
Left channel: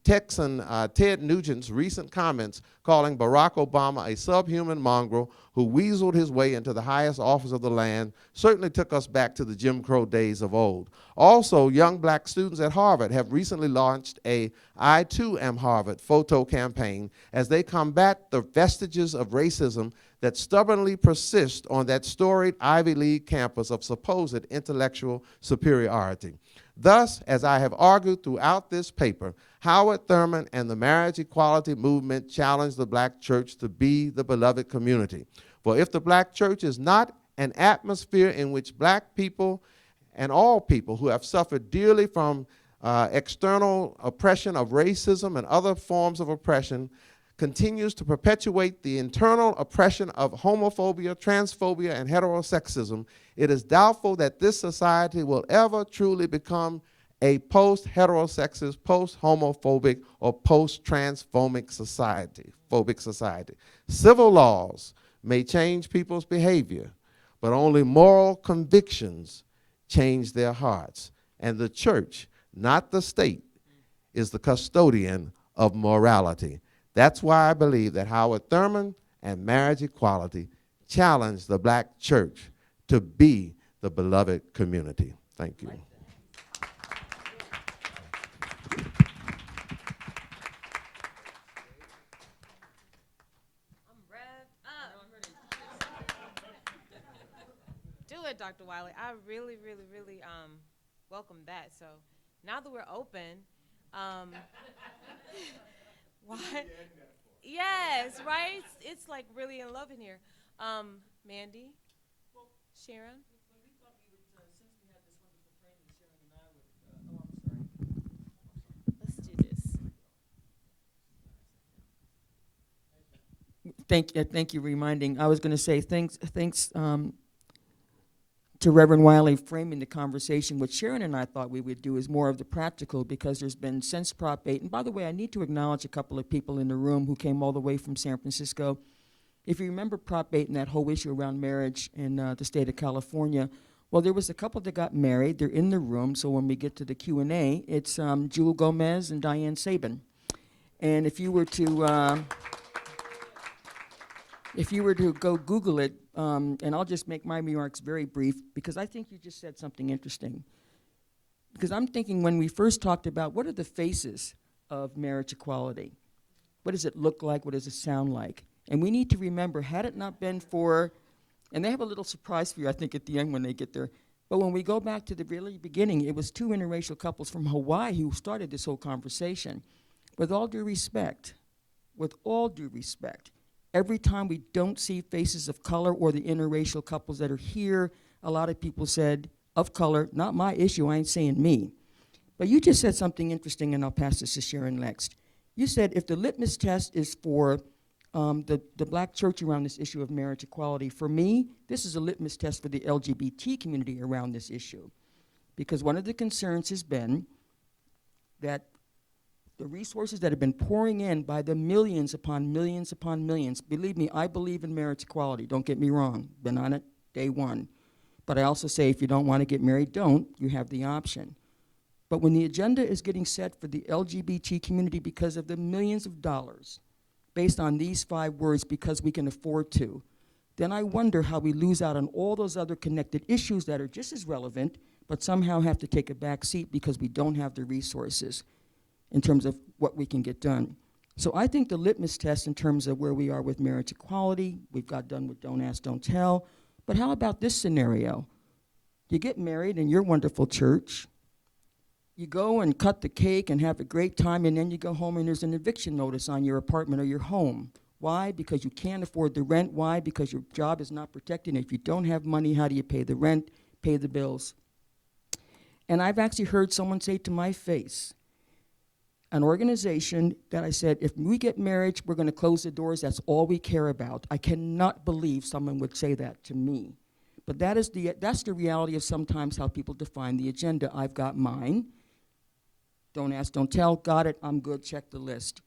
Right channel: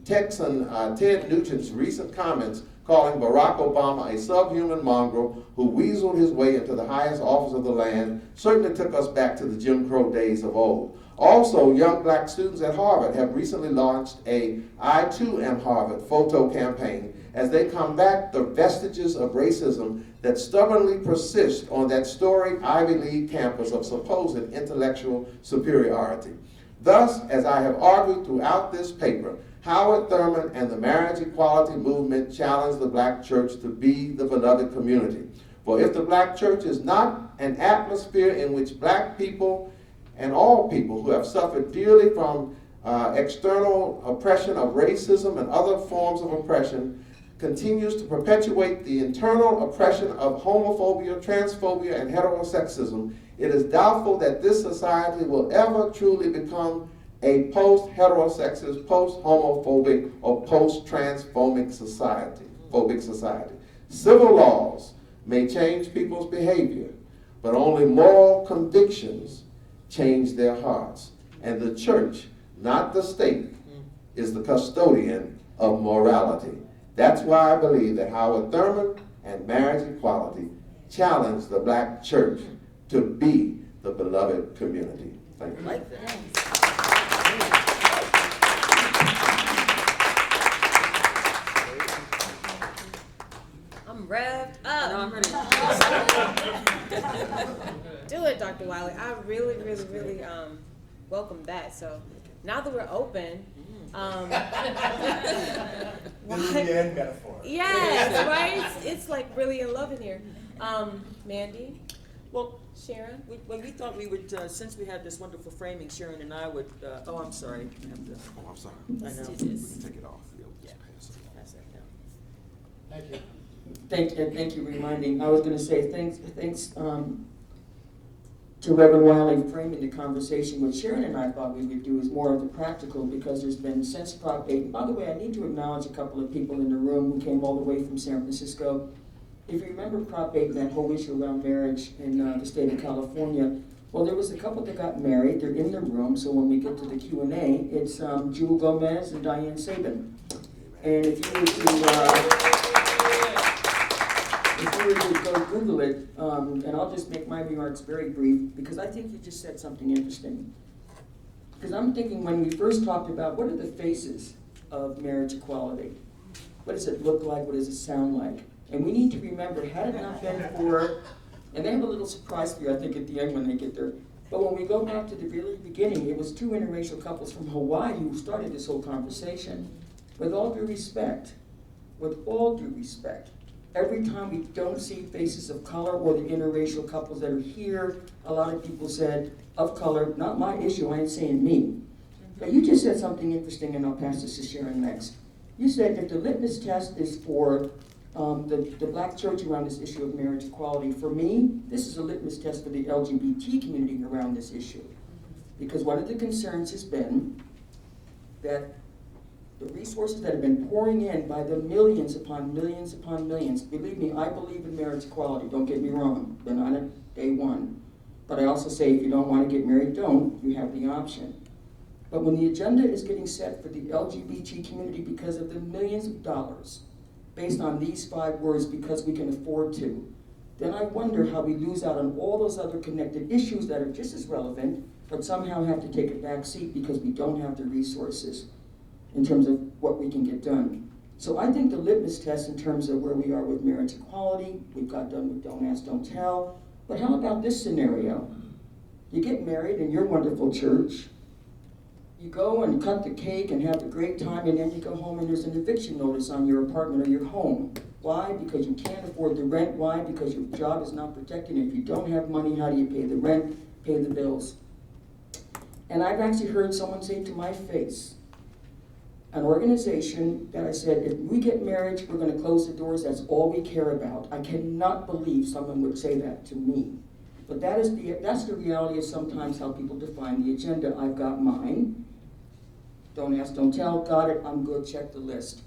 Nugent's recent comments calling Barack Obama a subhuman mongrel who weaseled his way into the highest office of the land certainly took us back to the Jim Crow days of old. Also, young black students at Harvard have recently launched a I Too Am Harvard photo campaign as they combat the vestiges of racism that stubbornly persist on that storied Ivy League campus of supposed intellectual superiority. Thus, as I have argued throughout this paper, Howard Thurman and the marriage equality movement challenged the black church to be the beloved community. For if the black church is not an atmosphere in which black people and all people who have suffered dearly from external oppression of racism and other forms of oppression continues to perpetuate the internal oppression of homophobia, transphobia, and heterosexism, it is doubtful that this society will ever truly become a post-heterosexist, post-homophobic, or post-transphobic society. Civil laws may change people's behavior, but only moral convictions change their hearts. And the church, not the state, is the custodian of morality. That's why I believe that Howard Thurman and marriage equality challenge the black church to be the beloved community. Thank you. I'm revved up. No, I'm ready. Do it, Dr. Wiley. I really welcome that. So now that we're open, metaphor. yes, right? It's like really in love in here. Mandy, Well, Sharon. we thought we would, since we had this wonderful framing, Sharon and I would, oh, I'm sorry. I have to- Oh, I'm sorry. I know. Take it off. Yeah. Pass that down. Thank you. Thank you reminding. I was going to say thanks to Reverend Wiley framing the conversation. What Sharon and I thought we would do is more of the practical, because there's been since Prop 8. And by the way, I need to acknowledge a couple of people in the room who came all the way from San Francisco. If you remember Prop 8 and that whole issue around marriage in the state of California, well, there was a couple that got married. They're in the room, so when we get to the Q&A, it's Jewel Gomez and Diane Sabin. And if you were to go Google it, and I'll just make my remarks very brief, because I think you just said something interesting. Because I'm thinking when we first talked about what are the faces of marriage equality, what does it look like, what does it sound like? And we need to remember, had it not been for, and they have a little surprise for you, I think, at the end when they get there, but when we go back to the very beginning, it was two interracial couples from Hawaii who started this whole conversation. With all due respect, every time we don't see faces of color or the interracial couples that are here, a lot of people said, of color, not my issue, I ain't saying me. But you just said something interesting, and I'll pass this to Sharon next. You said if the litmus test is for the black church around this issue of marriage equality, for me, this is a litmus test for the LGBT community around this issue. Because one of the concerns has been that the resources that have been pouring in by the millions upon millions upon millions, believe me, I believe in marriage equality, don't get me wrong, been on it day one. But I also say if you don't want to get married, don't. You have the option. But when the agenda is getting set for the LGBT community because of the millions of dollars based on these 5 words, because we can afford to, then I wonder how we lose out on all those other connected issues that are just as relevant, but somehow have to take a back seat because we don't have the resources in terms of what we can get done. So I think the litmus test in terms of where we are with marriage equality, we've got done with don't ask, don't tell, but how about this scenario? You get married in your wonderful church, you go and cut the cake and have a great time, and then you go home and there's an eviction notice on your apartment or your home. Why? Because you can't afford the rent. Why? Because your job is not protected. If you don't have money, how do you pay the rent, pay the bills? And I've actually heard someone say to my face, an organization that I said, if we get married, we're going to close the doors, that's all we care about. I cannot believe someone would say that to me. But that's the reality of sometimes how people define the agenda. I've got mine. Don't ask, don't tell. Got it, I'm good, check the list.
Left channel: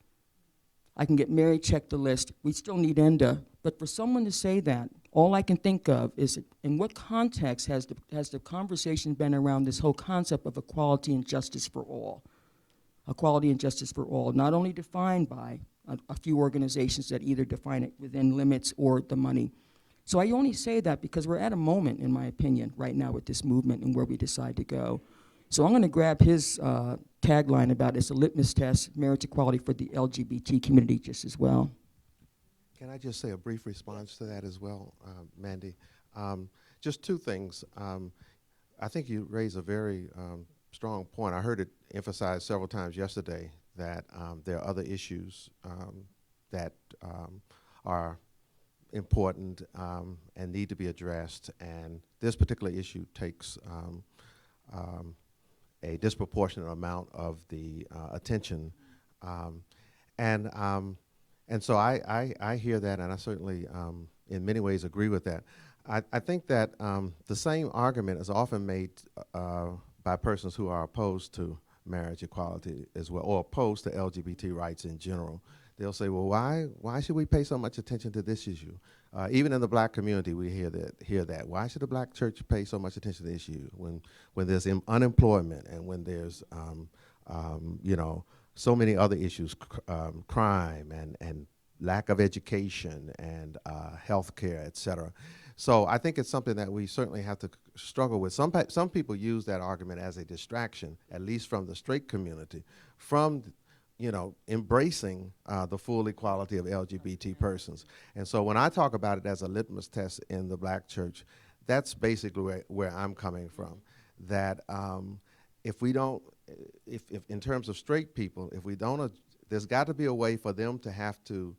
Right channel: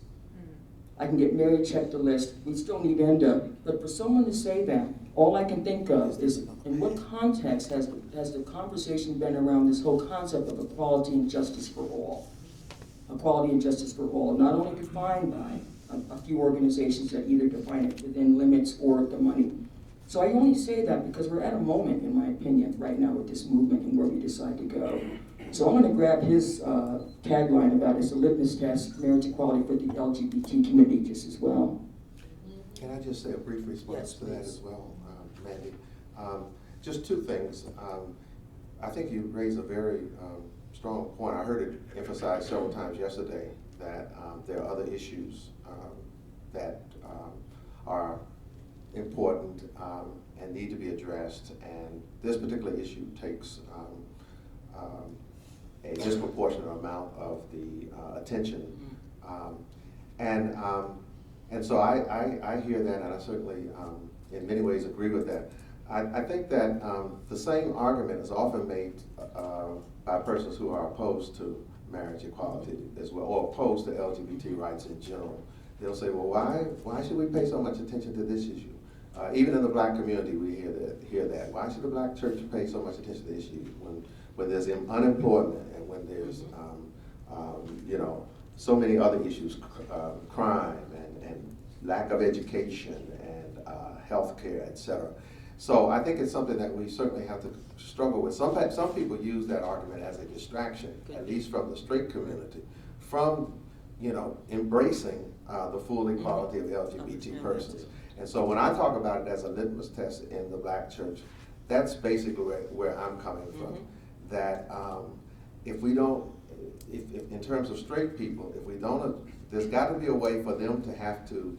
I can get married, check the list. We still need ENDA. But for someone to say that, all I can think of is in what context has the conversation been around this whole concept of equality and justice for all? Equality and justice for all, not only defined by a few organizations that either define it within limits or the money. So I only say that because we're at a moment, in my opinion, right now with this movement and where we decide to go. So I'm going to grab his tagline about it's a litmus test, marriage equality for the LGBT community just as well. Can I just say a brief response to that as well, Mandy? Just 2 things. I think you raised a very strong point. I heard it emphasized several times yesterday that there are other issues that are important and need to be addressed, and this particular issue takes a disproportionate amount of the attention, and so I hear that, and I certainly in many ways agree with that. I think that the same argument is often made by persons who are opposed to marriage equality as well, or opposed to LGBT rights in general. They'll say, well, why should we pay so much attention to this issue? Even in the black community, we hear that. Why should the black church pay so much attention to the issue when there's unemployment and when there's so many other issues, crime and lack of education and health care, et cetera. So I think it's something that we certainly have to struggle with. Some people use that argument as a distraction, at least from the straight community, from embracing the full equality of LGBT persons. And so when I talk about it as a litmus test in the black church, that's basically where I'm coming from. That if in terms of straight people, if we don't, there's got to be a way for them to have to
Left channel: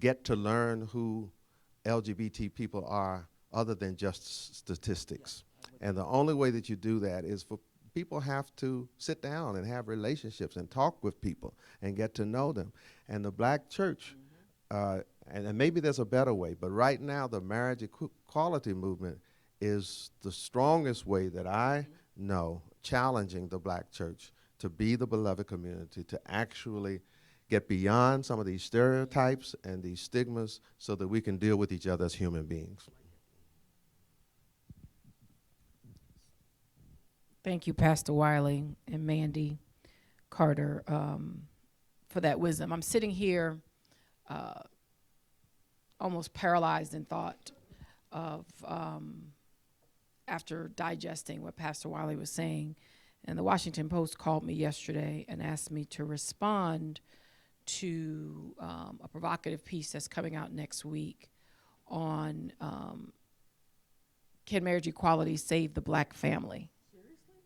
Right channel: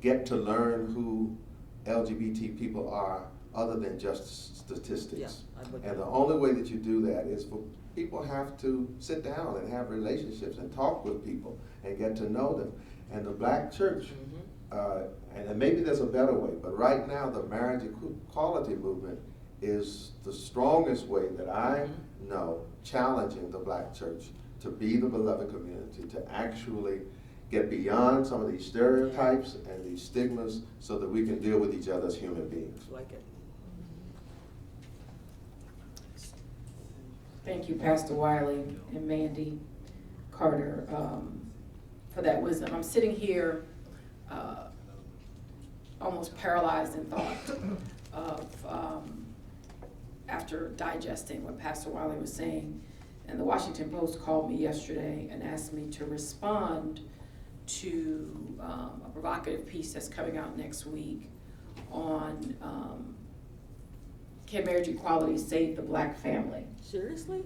get to learn who LGBT people are other than just statistics. Yeah, and the only way that you do that is for people have to sit down and have relationships and talk with people and get to know them. And the black church, and maybe there's a better way, but right now the marriage equality movement is the strongest way that I know challenging the black church to be the beloved community, to actually get beyond some of these stereotypes and these stigmas so that we can deal with each other as human beings. Thank you, Pastor Wiley and Mandy Carter, for that wisdom. I'm sitting here almost paralyzed in thought of after digesting what Pastor Wiley was saying. And the Washington Post called me yesterday and asked me to respond to a provocative piece that's coming out next week on can marriage equality save the black family? Seriously?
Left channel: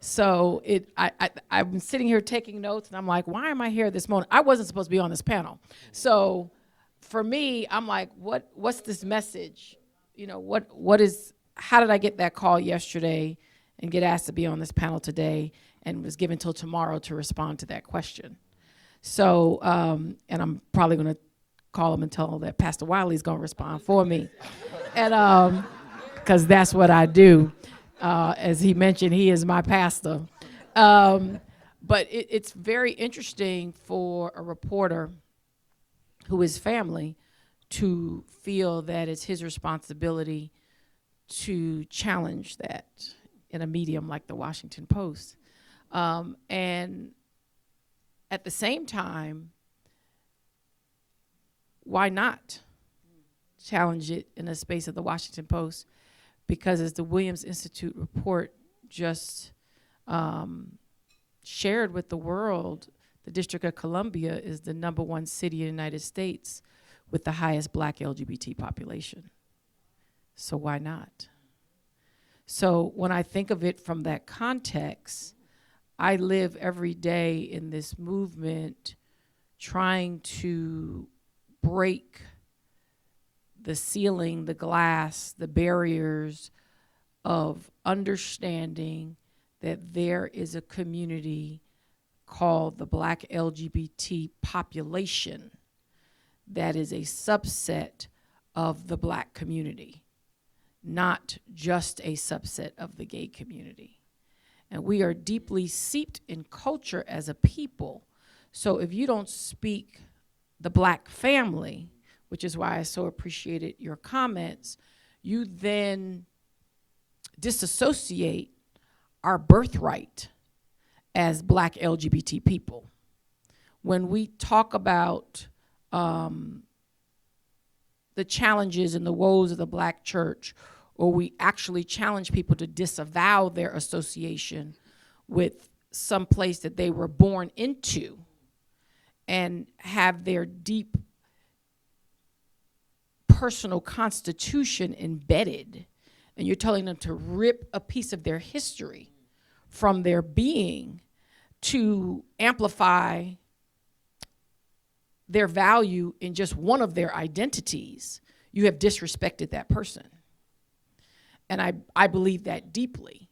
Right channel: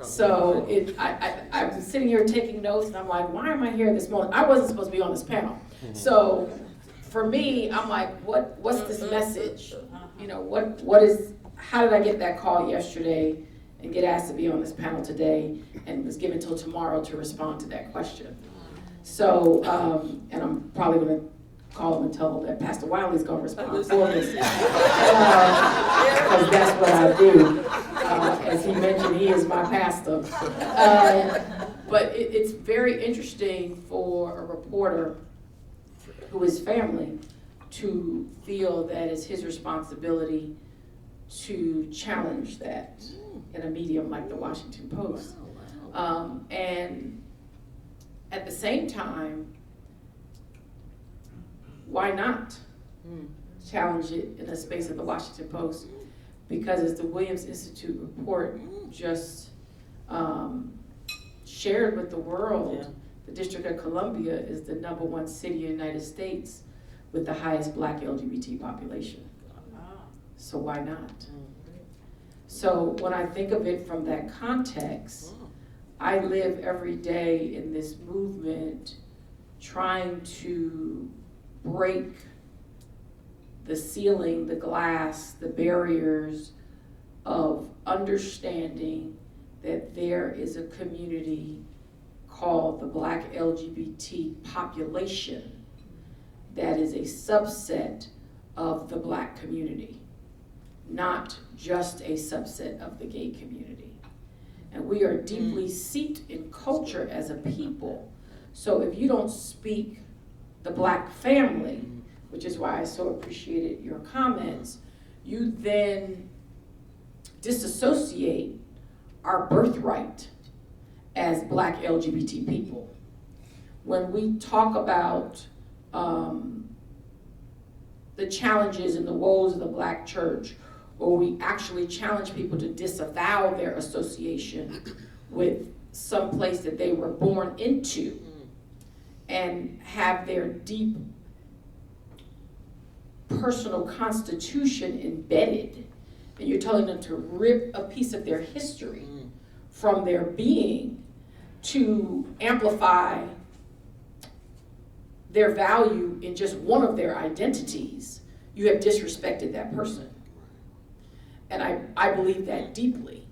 So I'm sitting here taking notes, and I'm like, why am I here this morning? I wasn't supposed to be on this panel. So for me, I'm like, what's this message? How did I get that call yesterday and get asked to be on this panel today, and was given till tomorrow to respond to that question? So, and I'm probably going to call him and tell him that Pastor Wiley's going to respond for me, because that's what I do. As he mentioned, he is my pastor. But it's very interesting for a reporter who is family to feel that it's his responsibility to challenge that in a medium like the Washington Post. And at the same time, why not challenge it in a space of the Washington Post? Because as the Williams Institute report just shared with the world, the District of Columbia is the #1 city in the United States with the highest Black LGBT population. So why not? So when I think of it from that context, I live every day in this movement trying to break the ceiling, the glass, the barriers of understanding that there is a community called the Black LGBT population that is a subset of the Black community, not just a subset of the gay community. And we are deeply steeped in culture as a people. So if you don't speak the Black family, which is why I so appreciated your comments, you then disassociate our birthright as Black LGBT people. When we talk about the challenges and the woes of the Black church, or we actually challenge people to disavow their association with some place that they were born into and have their deep personal constitution embedded, and you're telling them to rip a piece of their history from their being to amplify their value in just one of their identities, you have disrespected that person. And I believe that deeply.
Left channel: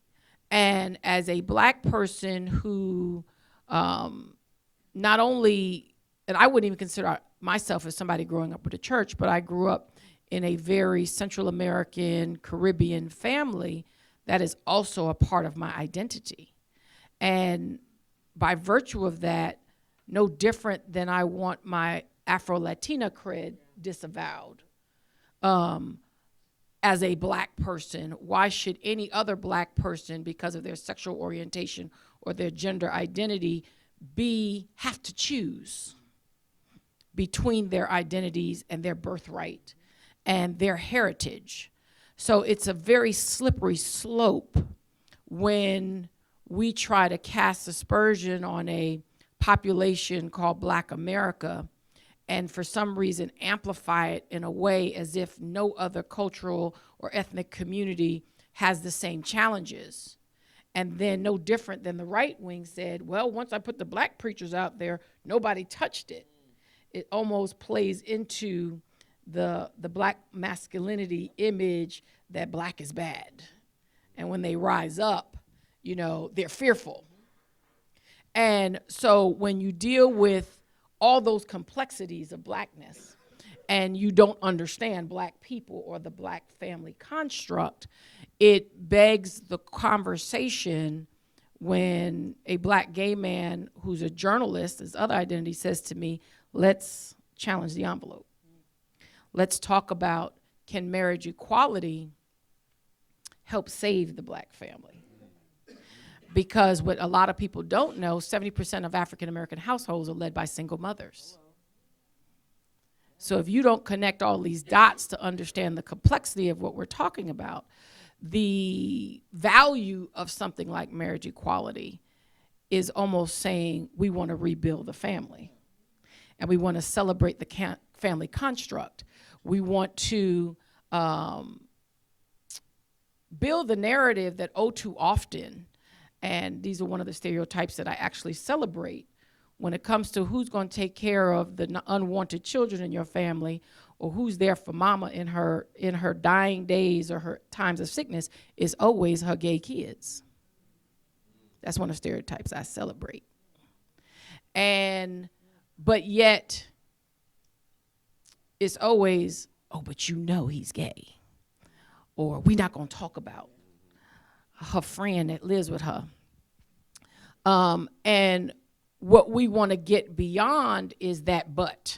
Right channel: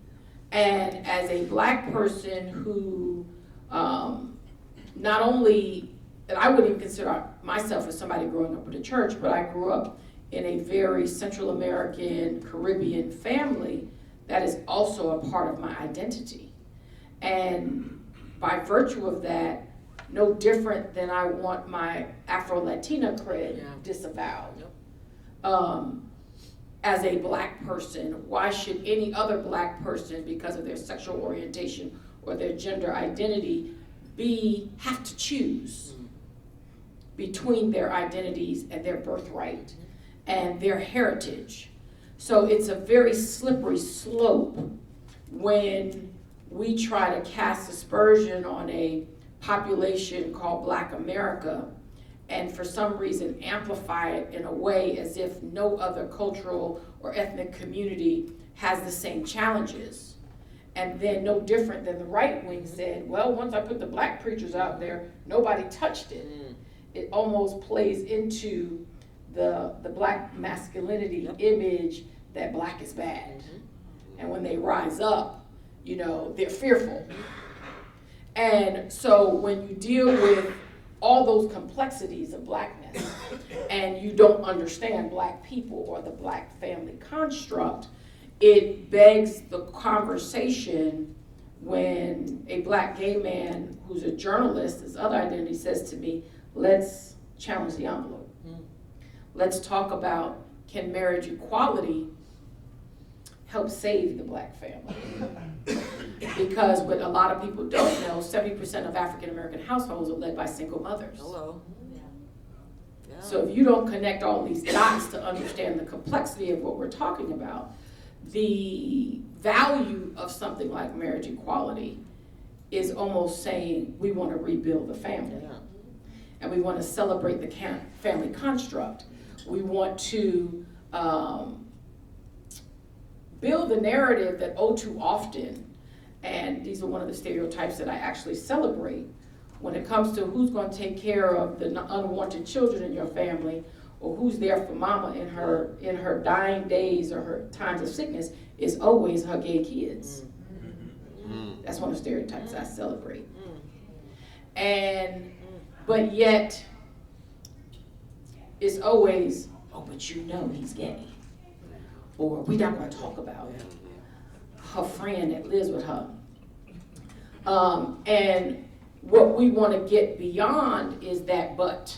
And as a Black person who not only, and I wouldn't even consider myself as somebody growing up with a church, but I grew up in a very Central American, Caribbean family that is also a part of my identity. And by virtue of that, no different than I want my Afro-Latina cred disavowed. As a Black person, why should any other Black person, because of their sexual orientation or their gender identity, have to choose between their identities and their birthright and their heritage? So it's a very slippery slope when we try to cast aspersion on a population called Black America and for some reason amplify it in a way as if no other cultural or ethnic community has the same challenges. And then no different than the right wing said, well, once I put the Black preachers out there, nobody touched it. It almost plays into the Black masculinity image that Black is bad. And when they rise up, they're fearful. And so when you deal with all those complexities of Blackness and you don't understand Black people or the Black family construct, it begs the conversation when a Black gay man who's a journalist, his other identity, says to me, let's challenge the envelope. Let's talk about, can marriage equality help save the Black family? Because what a lot of people don't know, 70% of African American households are led by single mothers. Hello. So if you don't connect all these dots to understand the complexity of what we're talking about, the value of something like marriage equality is almost saying we want to rebuild the family. And we want to celebrate the family construct. We want to build the narrative that too often, and these are one of the stereotypes that I actually celebrate, when it comes to who's going to take care of the unwanted children in your family, or who's there for mama in her dying days or her times of sickness, is always her gay kids. That's one of the stereotypes I celebrate. But yet, it's always, but he's gay. Or we're not going to talk about her friend that lives with her. And what we want to get beyond is that but.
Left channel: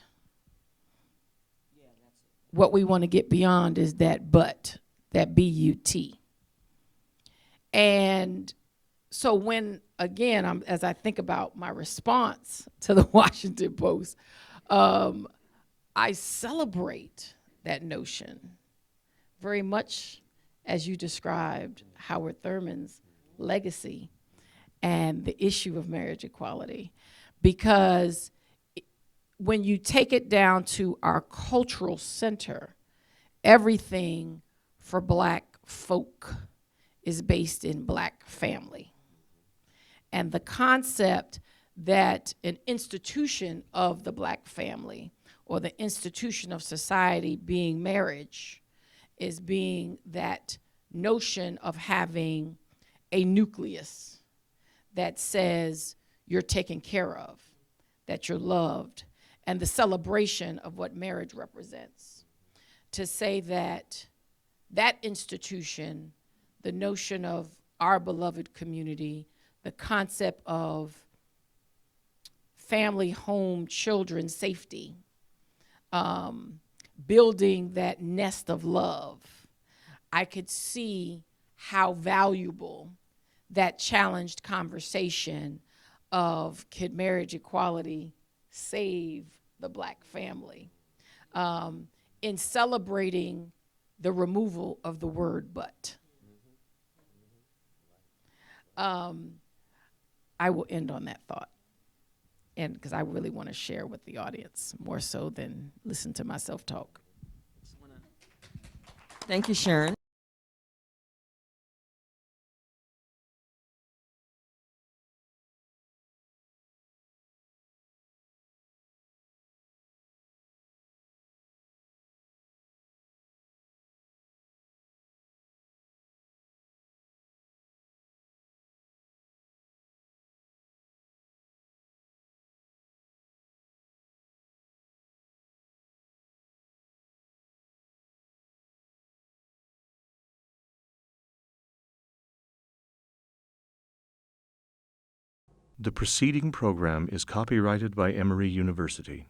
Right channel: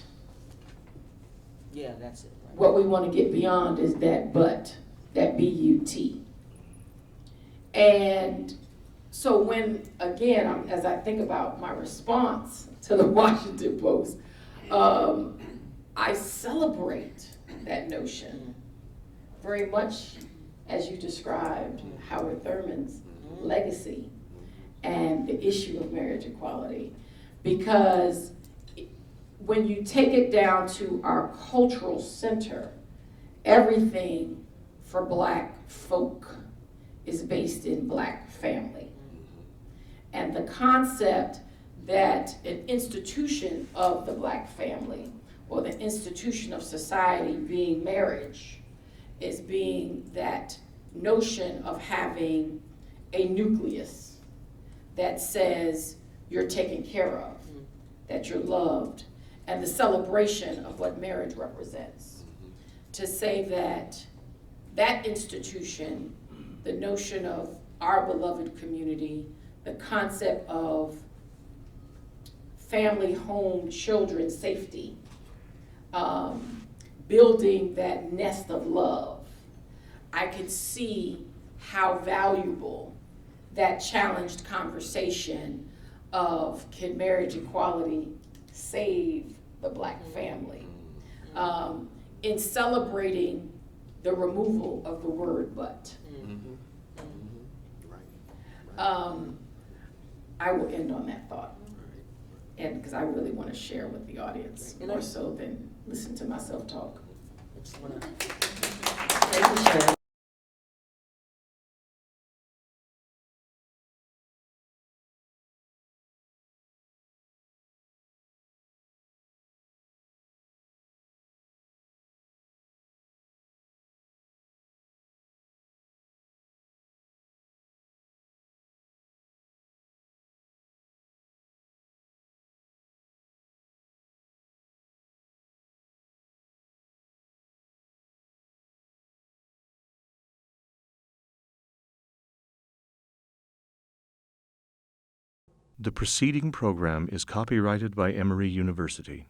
Yeah, that's it. Right. What we want to get beyond is that but, that B-U-T. And so when, again, as I think about my response to the Washington Post, I celebrate that notion very much as you described Howard Thurman's legacy and the issue of marriage equality. Because when you take it down to our cultural center, everything for Black folk is based in Black family. And the concept that an institution of the Black family or the institution of society being marriage is being that notion of having a nucleus that says you're taken care of, that you're loved, and the celebration of what marriage represents. To say that that institution, the notion of our beloved community, the concept of family, home, children, safety, building that nest of love, I could see how valuable that challenged conversation of can marriage equality save the Black family, in celebrating the removal of the word but. I will end on that thought, and because I really want to share with the audience more so than listen to myself talk. Thank you, Sharon. The preceding program is copyrighted by Emory University.